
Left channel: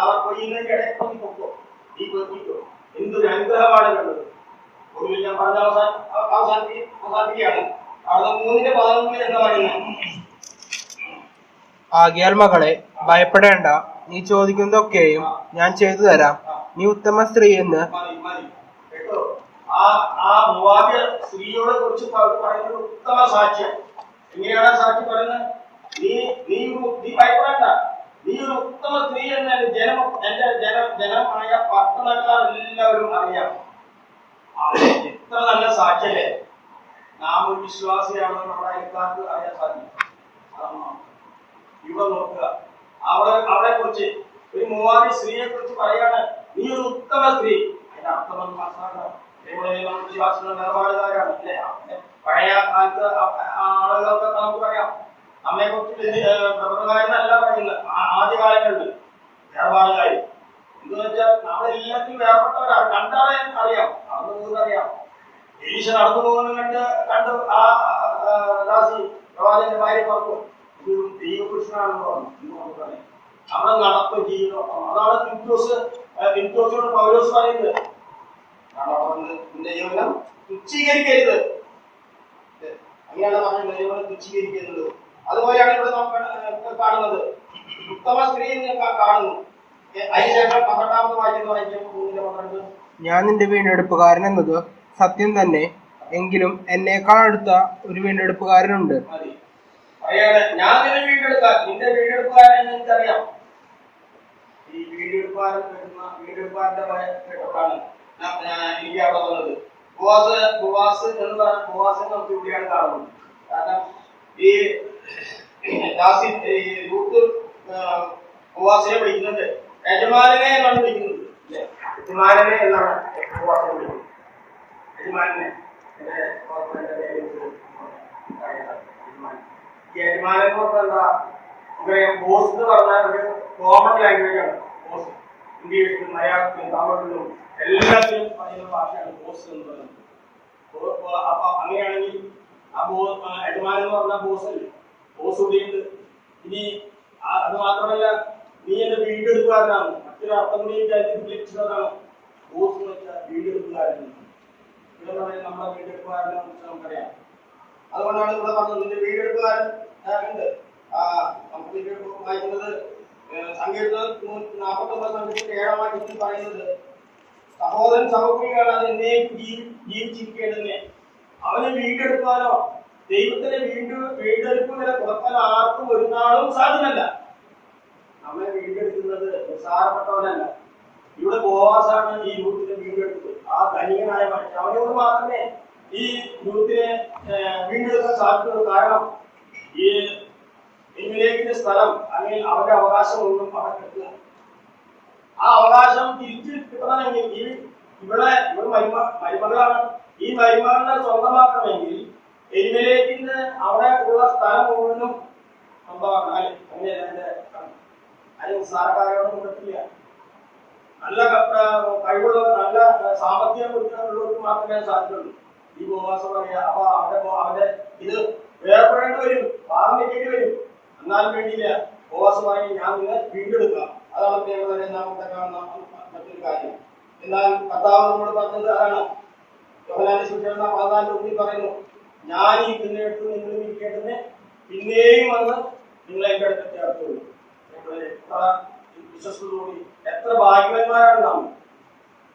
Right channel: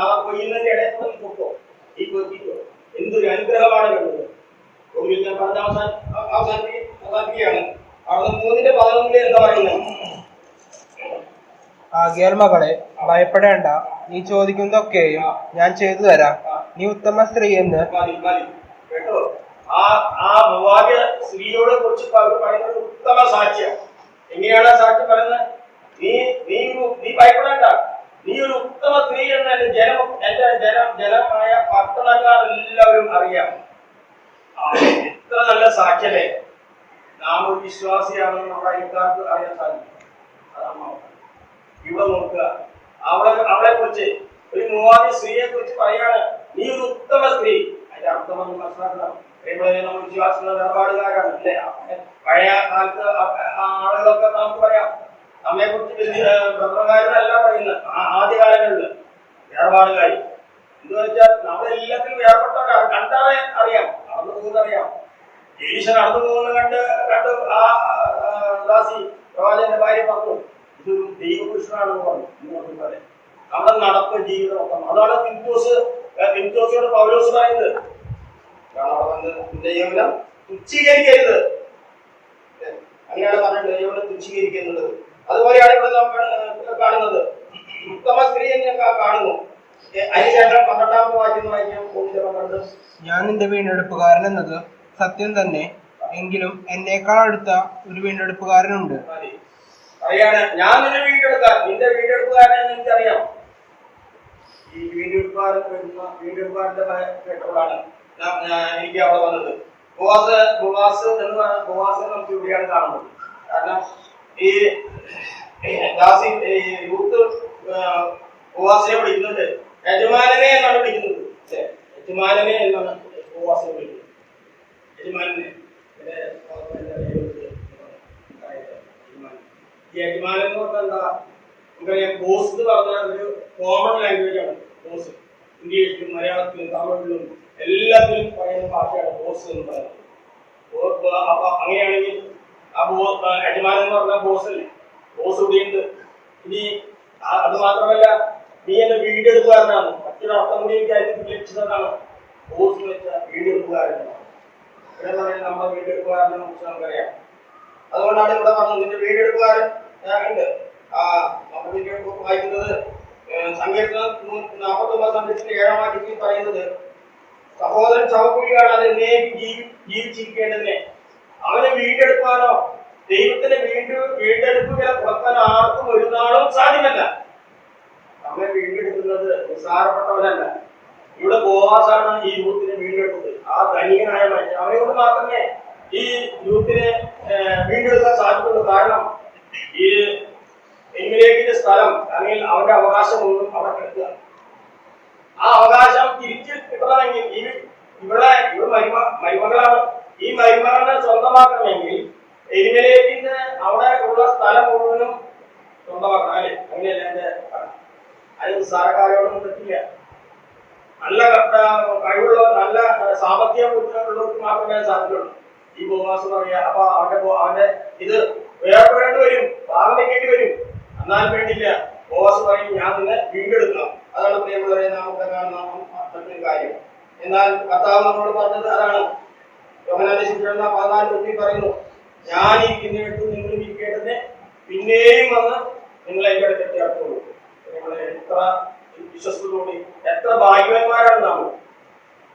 അവർ കൊയ്യുന്നതിന്റെ ഇടയിൽ നീ പൊക്കോ, നീ കേൾപ്പിക്കോ. എന്തൊരു അനുഗ്രഹമാണ് കേട്ടത്. ഒടുവിൽ ഞാൻ പറഞ്ഞ അവസാനിപ്പിക്കുകയാണ്. അവിടെ 3:11 എന്താ പറയുന്നത്? ആകയാൽ മകളെ ഭയപ്പെടേണ്ട, നീ ചോദിക്കുന്നതൊക്കെയും ഞാൻ ചെയ്തു തരാം. നീ ഉത്തമ സ്ത്രീ എന്ന് കേട്ടോ. ആ മൂവാദ്യ സ്ത്രീയോടെ കുറിച്ച് പറയുന്നത് ഉത്തമ സാക്ഷ്യം. എങ്ങനെയാണ് സാക്ഷ്യം പറയുന്നത്? നീ ഭയപ്പെടേണ്ട, നീ ഒരു ഉത്തമ സ്ത്രീ എന്ന് എന്റെ ജനമായ പട്ടണക്കാർ എല്ലാവരും അറിയാം. എത്ര നല്ല സാക്ഷ്യല്ലേ. നാം ഒരു വിശ്വാസിയാണെന്ന് നമ്മുടെ അയൽക്കാർക്ക് അറിയാൻ സാധിക്കും. അതാണ് ഇവിടെ നോക്കുക. അവളെ കുറിച്ച് ഒരു മൂവാദ്യ സ്ത്രീയെ കുറിച്ച് പറയാണ്, നീ ഒരു ഉത്തമ സ്ത്രീ. അതിന്റെ അർത്ഥമെന്ന് മനസ്സിലാക്കണം. നമ്മൾ വിശ്വാസികൾ നിലപാടുകാരാണ് അല്ലേ? പഴയ കാലത്ത് ആളുകളൊക്കെ നമുക്ക് പറയാം. നമ്മെ കുറിച്ച് ബ്രദർമാരെന്നല്ല പറയുന്നത്. ആദ്യകാലങ്ങളിൽ വേർപാടുകാരി എന്ന് വെച്ചാൽ നമ്മളെല്ലാത്തിലും വേർപെട്ടവരാണ്. കണ്ടാൽ അറിയാം, നടന്നു പോകുന്നത് അറിയാം. ഈശ നടന്നു പോകുന്നത് കണ്ട് ആ ദാസി പ്രവാചകന്റെ ഭാര്യ പറഞ്ഞു, ഇതൊരു ദൈവപുരുഷനാണെന്ന് പറഞ്ഞു. അവിടെ നടപ്പ് ജീവിതം. അതാണ് തിമോഥെയോസ് പൗലോസ് പറയുന്നത്. ദൈവം തുച്ഛീകരിക്കരുത്, അങ്ങനെയാണ് പറയുന്നത്. ദൈവം തുച്ഛീകരിക്കുന്നത്. അതുപോലെയാണ് ഇവിടെ നാം കാണുന്നത്. ഉത്തമ സ്ത്രീ എന്ന് കാണുന്നു. അതിനുശേഷം 12ാമത് വായിക്കുന്നു. ഞാൻ നിന്റെ വീണ്ടെടുപ്പുകാരൻ എന്നത് സത്യം തന്നെ, എങ്കിലും എന്നേക്കാൾ അടുത്ത ഒരു വീണ്ടെടുപ്പുകാരനുണ്ട്. പറയാണ്, ഞാൻ നിന്റെ വീണ്ടെടുപ്പുകാരൻ എന്ന് എനിക്കറിയാം. ഈ വീണ്ടെടുപ്പുകാരന്റെ കേട്ടപ്പോഴാണ് എനിക്ക് അവിടെ വന്നത്. ബോവാസ് നമുക്ക് ഇവിടെയാണ് കാണുന്നത്. കാരണം ഈ ദാസി യൂത്ത് ബോവാസിനെ വിളിക്കുന്നുണ്ട്, യജമാനനെ എന്നാണ് വിളിക്കുന്നത് അല്ലെ? യജമാനനെ എന്നാണ് ബോവാസിനെ വിളിക്കുന്നത്. യജമാനനെ യജമാനൻ എന്ന് പറഞ്ഞാൽ എന്താ? നമുക്കറിയാം, ബോസ് എന്ന് പറഞ്ഞാൽ ഒരു കോമൺ ലാംഗ്വേജ് ആണ്. ബോസ് ഇംഗ്ലീഷിലും മലയാളത്തിലും തമിഴിലും എല്ലാത്തിലും പറയുന്ന ഭാഷയാണ് ബോസ് എന്ന് പറയുന്നത്. അപ്പൊ അങ്ങനെയാണെങ്കിൽ ആ യജമാനൻ എന്ന് പറഞ്ഞാൽ ബോസ് അല്ലേ? ബോസ് ഇവിടെയുണ്ട്. ഇനി അത് മാത്രമല്ല, നീ എന്റെ വീണ്ടെടുപ്പുകാരനാണ്. മറ്റൊരു അർത്ഥം കൂടി എനിക്ക് ലഭിച്ചതാണ്. ബോസ് എന്ന് വെച്ചാൽ വീണ്ടെടുപ്പുകാരനാണ്. നമ്മുടെ വീണ്ടെടുപ്പുകാരനെ കുറിച്ച് നമുക്കറിയാം. അതുകൊണ്ടാണ് ഇവിടെ പറഞ്ഞത് നിന്റെ വീണ്ടെടുപ്പുകാരൻ ഉണ്ട്. നമ്മുടെ വീണ്ടെടുപ്പ് വായിക്കുന്നത് സങ്കീർത്തനം 49:7 പറയുന്നത്, സഹോദരൻ ശവക്കുഴി കാണാതെ ജീവിച്ചിരിക്കേണ്ടതിനെ അവനെ വീണ്ടെടുക്കാനോ ദൈവത്തിന്റെ വീണ്ടെടുപ്പ് വില കൊടുക്കാൻ ആർക്കും ഒരു നാളും സാധ്യമല്ല. നമ്മെ വീണ്ടെടുക്കുന്നത് നിസ്സാരപ്പെട്ടവനല്ല. ഇവിടെ ബോവാസാണ് ഈ യൂത്തിനെ വീണ്ടെടുത്തത്. ആ ധനികനായ മനുഷ്യൻ, അവനോട് മാത്രമേ ഈ യൂത്തിനെ വീണ്ടെടുക്കാൻ സാധിക്കുള്ളൂ. കാരണം ഈ എലിമേലെക്കിന്റെ സ്ഥലം അല്ലെങ്കിൽ അവന്റെ അവകാശമൊന്നും അവിടെ കിട്ടുക. ആ അവകാശം തിരിച്ചു കിട്ടണമെങ്കിൽ ഇവിടെ മരുമകളാണ്. ഈ മരുമകളെ സ്വന്തമാക്കണമെങ്കിൽ എലിമേലെക്കിന് അവിടെ ഉള്ള സ്ഥലം മുഴുവനും സ്വന്തമാക്കണം അല്ലേ? അങ്ങനെയല്ല എന്റെ അതിന് സാരക്കാരോടൊന്നും പറ്റില്ല. നല്ല കഴിവുള്ള നല്ല സാമ്പത്തികം ഉള്ളവർക്ക് മാത്രമേ സാധിക്കുള്ളൂ. ഈ ബോവാസ് പറയാ. അപ്പൊ അവന്റെ ഇത് വേർപ്പെടേണ്ടി വരും, ഭാഗം വെക്കേണ്ടി വരും. എന്നാലും വേണ്ടിയില്ല, ബോവാസ് പറയും ഞാൻ നിന്നെ വീണ്ടെടുക്കാം. അതാണ് പ്രിയമുള്ളവരെ നമുക്ക് കാണുന്ന മറ്റൊരു കാര്യം. എന്നാൽ കർത്താവ് നമ്മളോട് പറഞ്ഞത് അതാണ്. യോഹന്നാന്റെ സുവിശേഷം 14 പറയുന്നു, ഞാൻ ഇരിക്കുന്നിടത്ത് നിങ്ങളും ഇരിക്കേണ്ടതിന് പിന്നെയും വന്ന് നിങ്ങളെ എൻ്റെ അടുത്തേക്ക് ചേർത്തുള്ളൂ. നിങ്ങളെ എത്ര വിശ്വസ്തയോടെ എത്ര ഭാഗ്യവാന്മാരാണ് നമ്മൾ.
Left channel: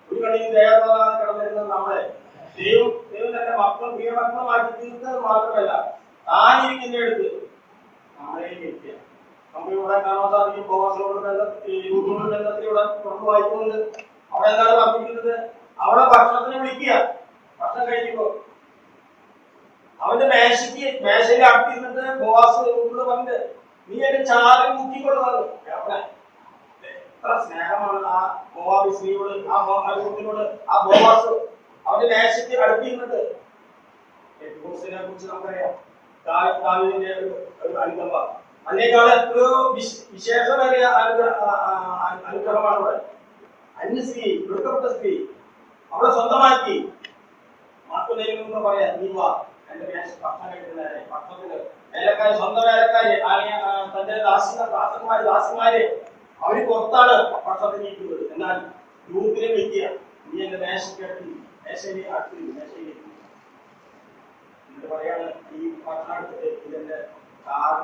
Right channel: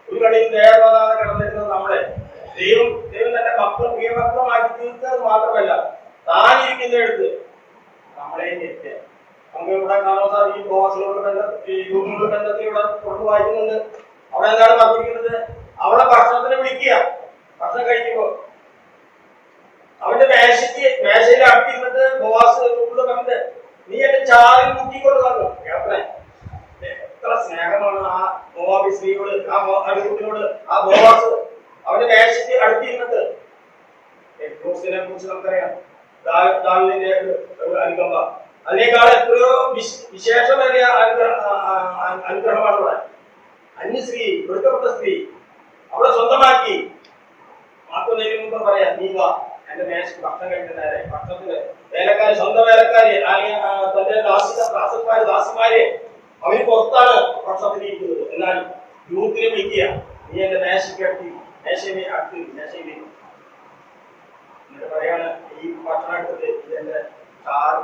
ഒരു കടയിൽ ദയാതെ കിടന്നിരുന്നത് നമ്മളെ ദൈവം തന്റെ മക്കളും പ്രിയമക്കളുമാക്കി തീർത്തത് മാത്രമല്ല, താനിരിക്കുന്ന എടുത്ത് നമ്മളെയും എത്തിയ നമുക്ക് ഇവിടെ കാണാൻ സാധിക്കും. ബോസിനോട് ബന്ധത്തിൽ ഇവിടെ പുറത്ത് വായിക്കുന്നുണ്ട്. അവിടെ എന്താണ് പറഞ്ഞിരിക്കുന്നത്? അവിടെ ഭക്ഷണത്തിന് വിളിക്കുക. ഭക്ഷണം കഴിക്കുമ്പോ അവന്റെ മേശയിൽ അടുത്തിരുന്നിട്ട് ബോവാസ് പറഞ്ഞിട്ട് നീ എന്റെ ചാറിൽ മുട്ടിക്കൊടുക്കാന്ന് കേൾക്കണേ. എത്ര സ്നേഹമാണ് ആ മോവാബി സ്ത്രീയോട്, ആ അടികുട്ടിനോട് ആ ബോവാസ്. അവന്റെ മേശയ്ക്ക് അടുത്തിരുന്നിട്ട് യെഹൂദിനെ കുറിച്ച് നമുക്കറിയാം, ദാവീദിന്റെ ഒരു അനുകമ്പ. അതിനേക്കാൾ എത്രയോ വിശേഷമേറിയ അനുഗ്രഹമാണ് ഇവിടെ. അന്യ സ്ത്രീ, വെറുക്കപ്പെട്ട സ്ത്രീ അവളെ സ്വന്തമാക്കി. മാറ്റുന്നതിന് മുമ്പ് പറയാം, നീ വാ എന്റെ മേശ ഭക്ഷണം കഴിക്കുന്നവരെ, ഭക്ഷണത്തിന് വേലക്കാര്, സ്വന്തം വേലക്കാര് അല്ലെങ്കിൽ തന്റെ ദാസിമാരെ അവര് പുറത്താണ് ഭക്ഷണത്തിന് ഇരിക്കുന്നത്. എന്നാൽ യൂത്തിനെ വിളിക്കുക, നീ എന്റെ മേശയ്ക്ക് അടുത്ത് മേശയിൽ എന്നിട്ട് പറയാണ്, ഈ ഭക്ഷണം എടുത്തിട്ട് ഇതെന്റെ ചാറ്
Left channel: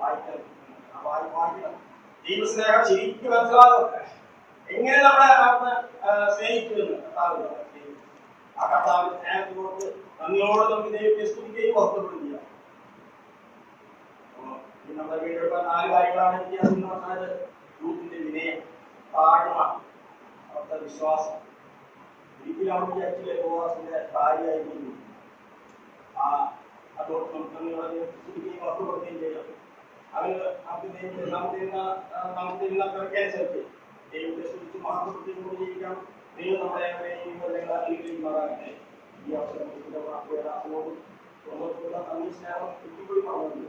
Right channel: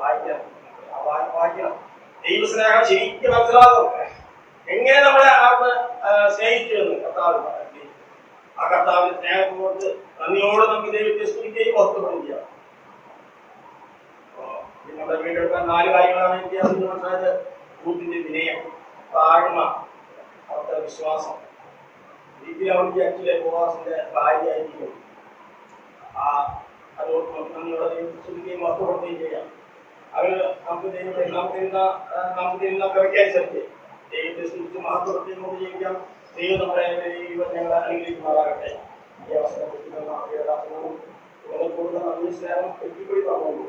വായിക്കണം. ദൈവസ്നേഹം ശരിക്കും മനസ്സിലാകും. എങ്ങനെ നമ്മളെ സ്നേഹിച്ചു എന്ന് കർത്താവ്. ആ കർത്താവിന്റെ സ്നേഹത്തെ കുറിച്ച് നന്ദിയോട് നമുക്ക് ദൈവത്തെ സ്തുതിക്കുകയും ഓർക്കപ്പെടുകയും ചെയ്യാം. നമ്മുടെ വീണ്ടെടുക്കാൻ 4 കാര്യങ്ങളാണ് എനിക്ക് അതിന് മനസ്സിലായത്. യൂത്തിന്റെ വിനയം, താഴ്മ, അവരുടെ വിശ്വാസം. ഇതിൽ അവൻ വിചാരിച്ചില്ലേ ബോവാസിന്റെ ഭാര്യയായിരിക്കും. അതോട് നമ്മുടെ ദൈവത്തെ സ്തുതിക്കുകയും ഓർക്കപ്പെടുകയും ചെയ്യാം. അവര് നമുക്ക് തരുന്ന കവിക്കനുസരിച്ച് ദൈവത്തെ സ്തുതിച്ച് മഹത്വപ്പെടുത്തിയും ജീവിക്കാം. ദൈവം നമ്മളെ ഞങ്ങളെ അനുഗ്രഹിക്കുമാറാകട്ടെ. ഈ അവസരത്തിൽ നന്ദി സ്നേഹം എത്തിക്കൂടി പറഞ്ഞു.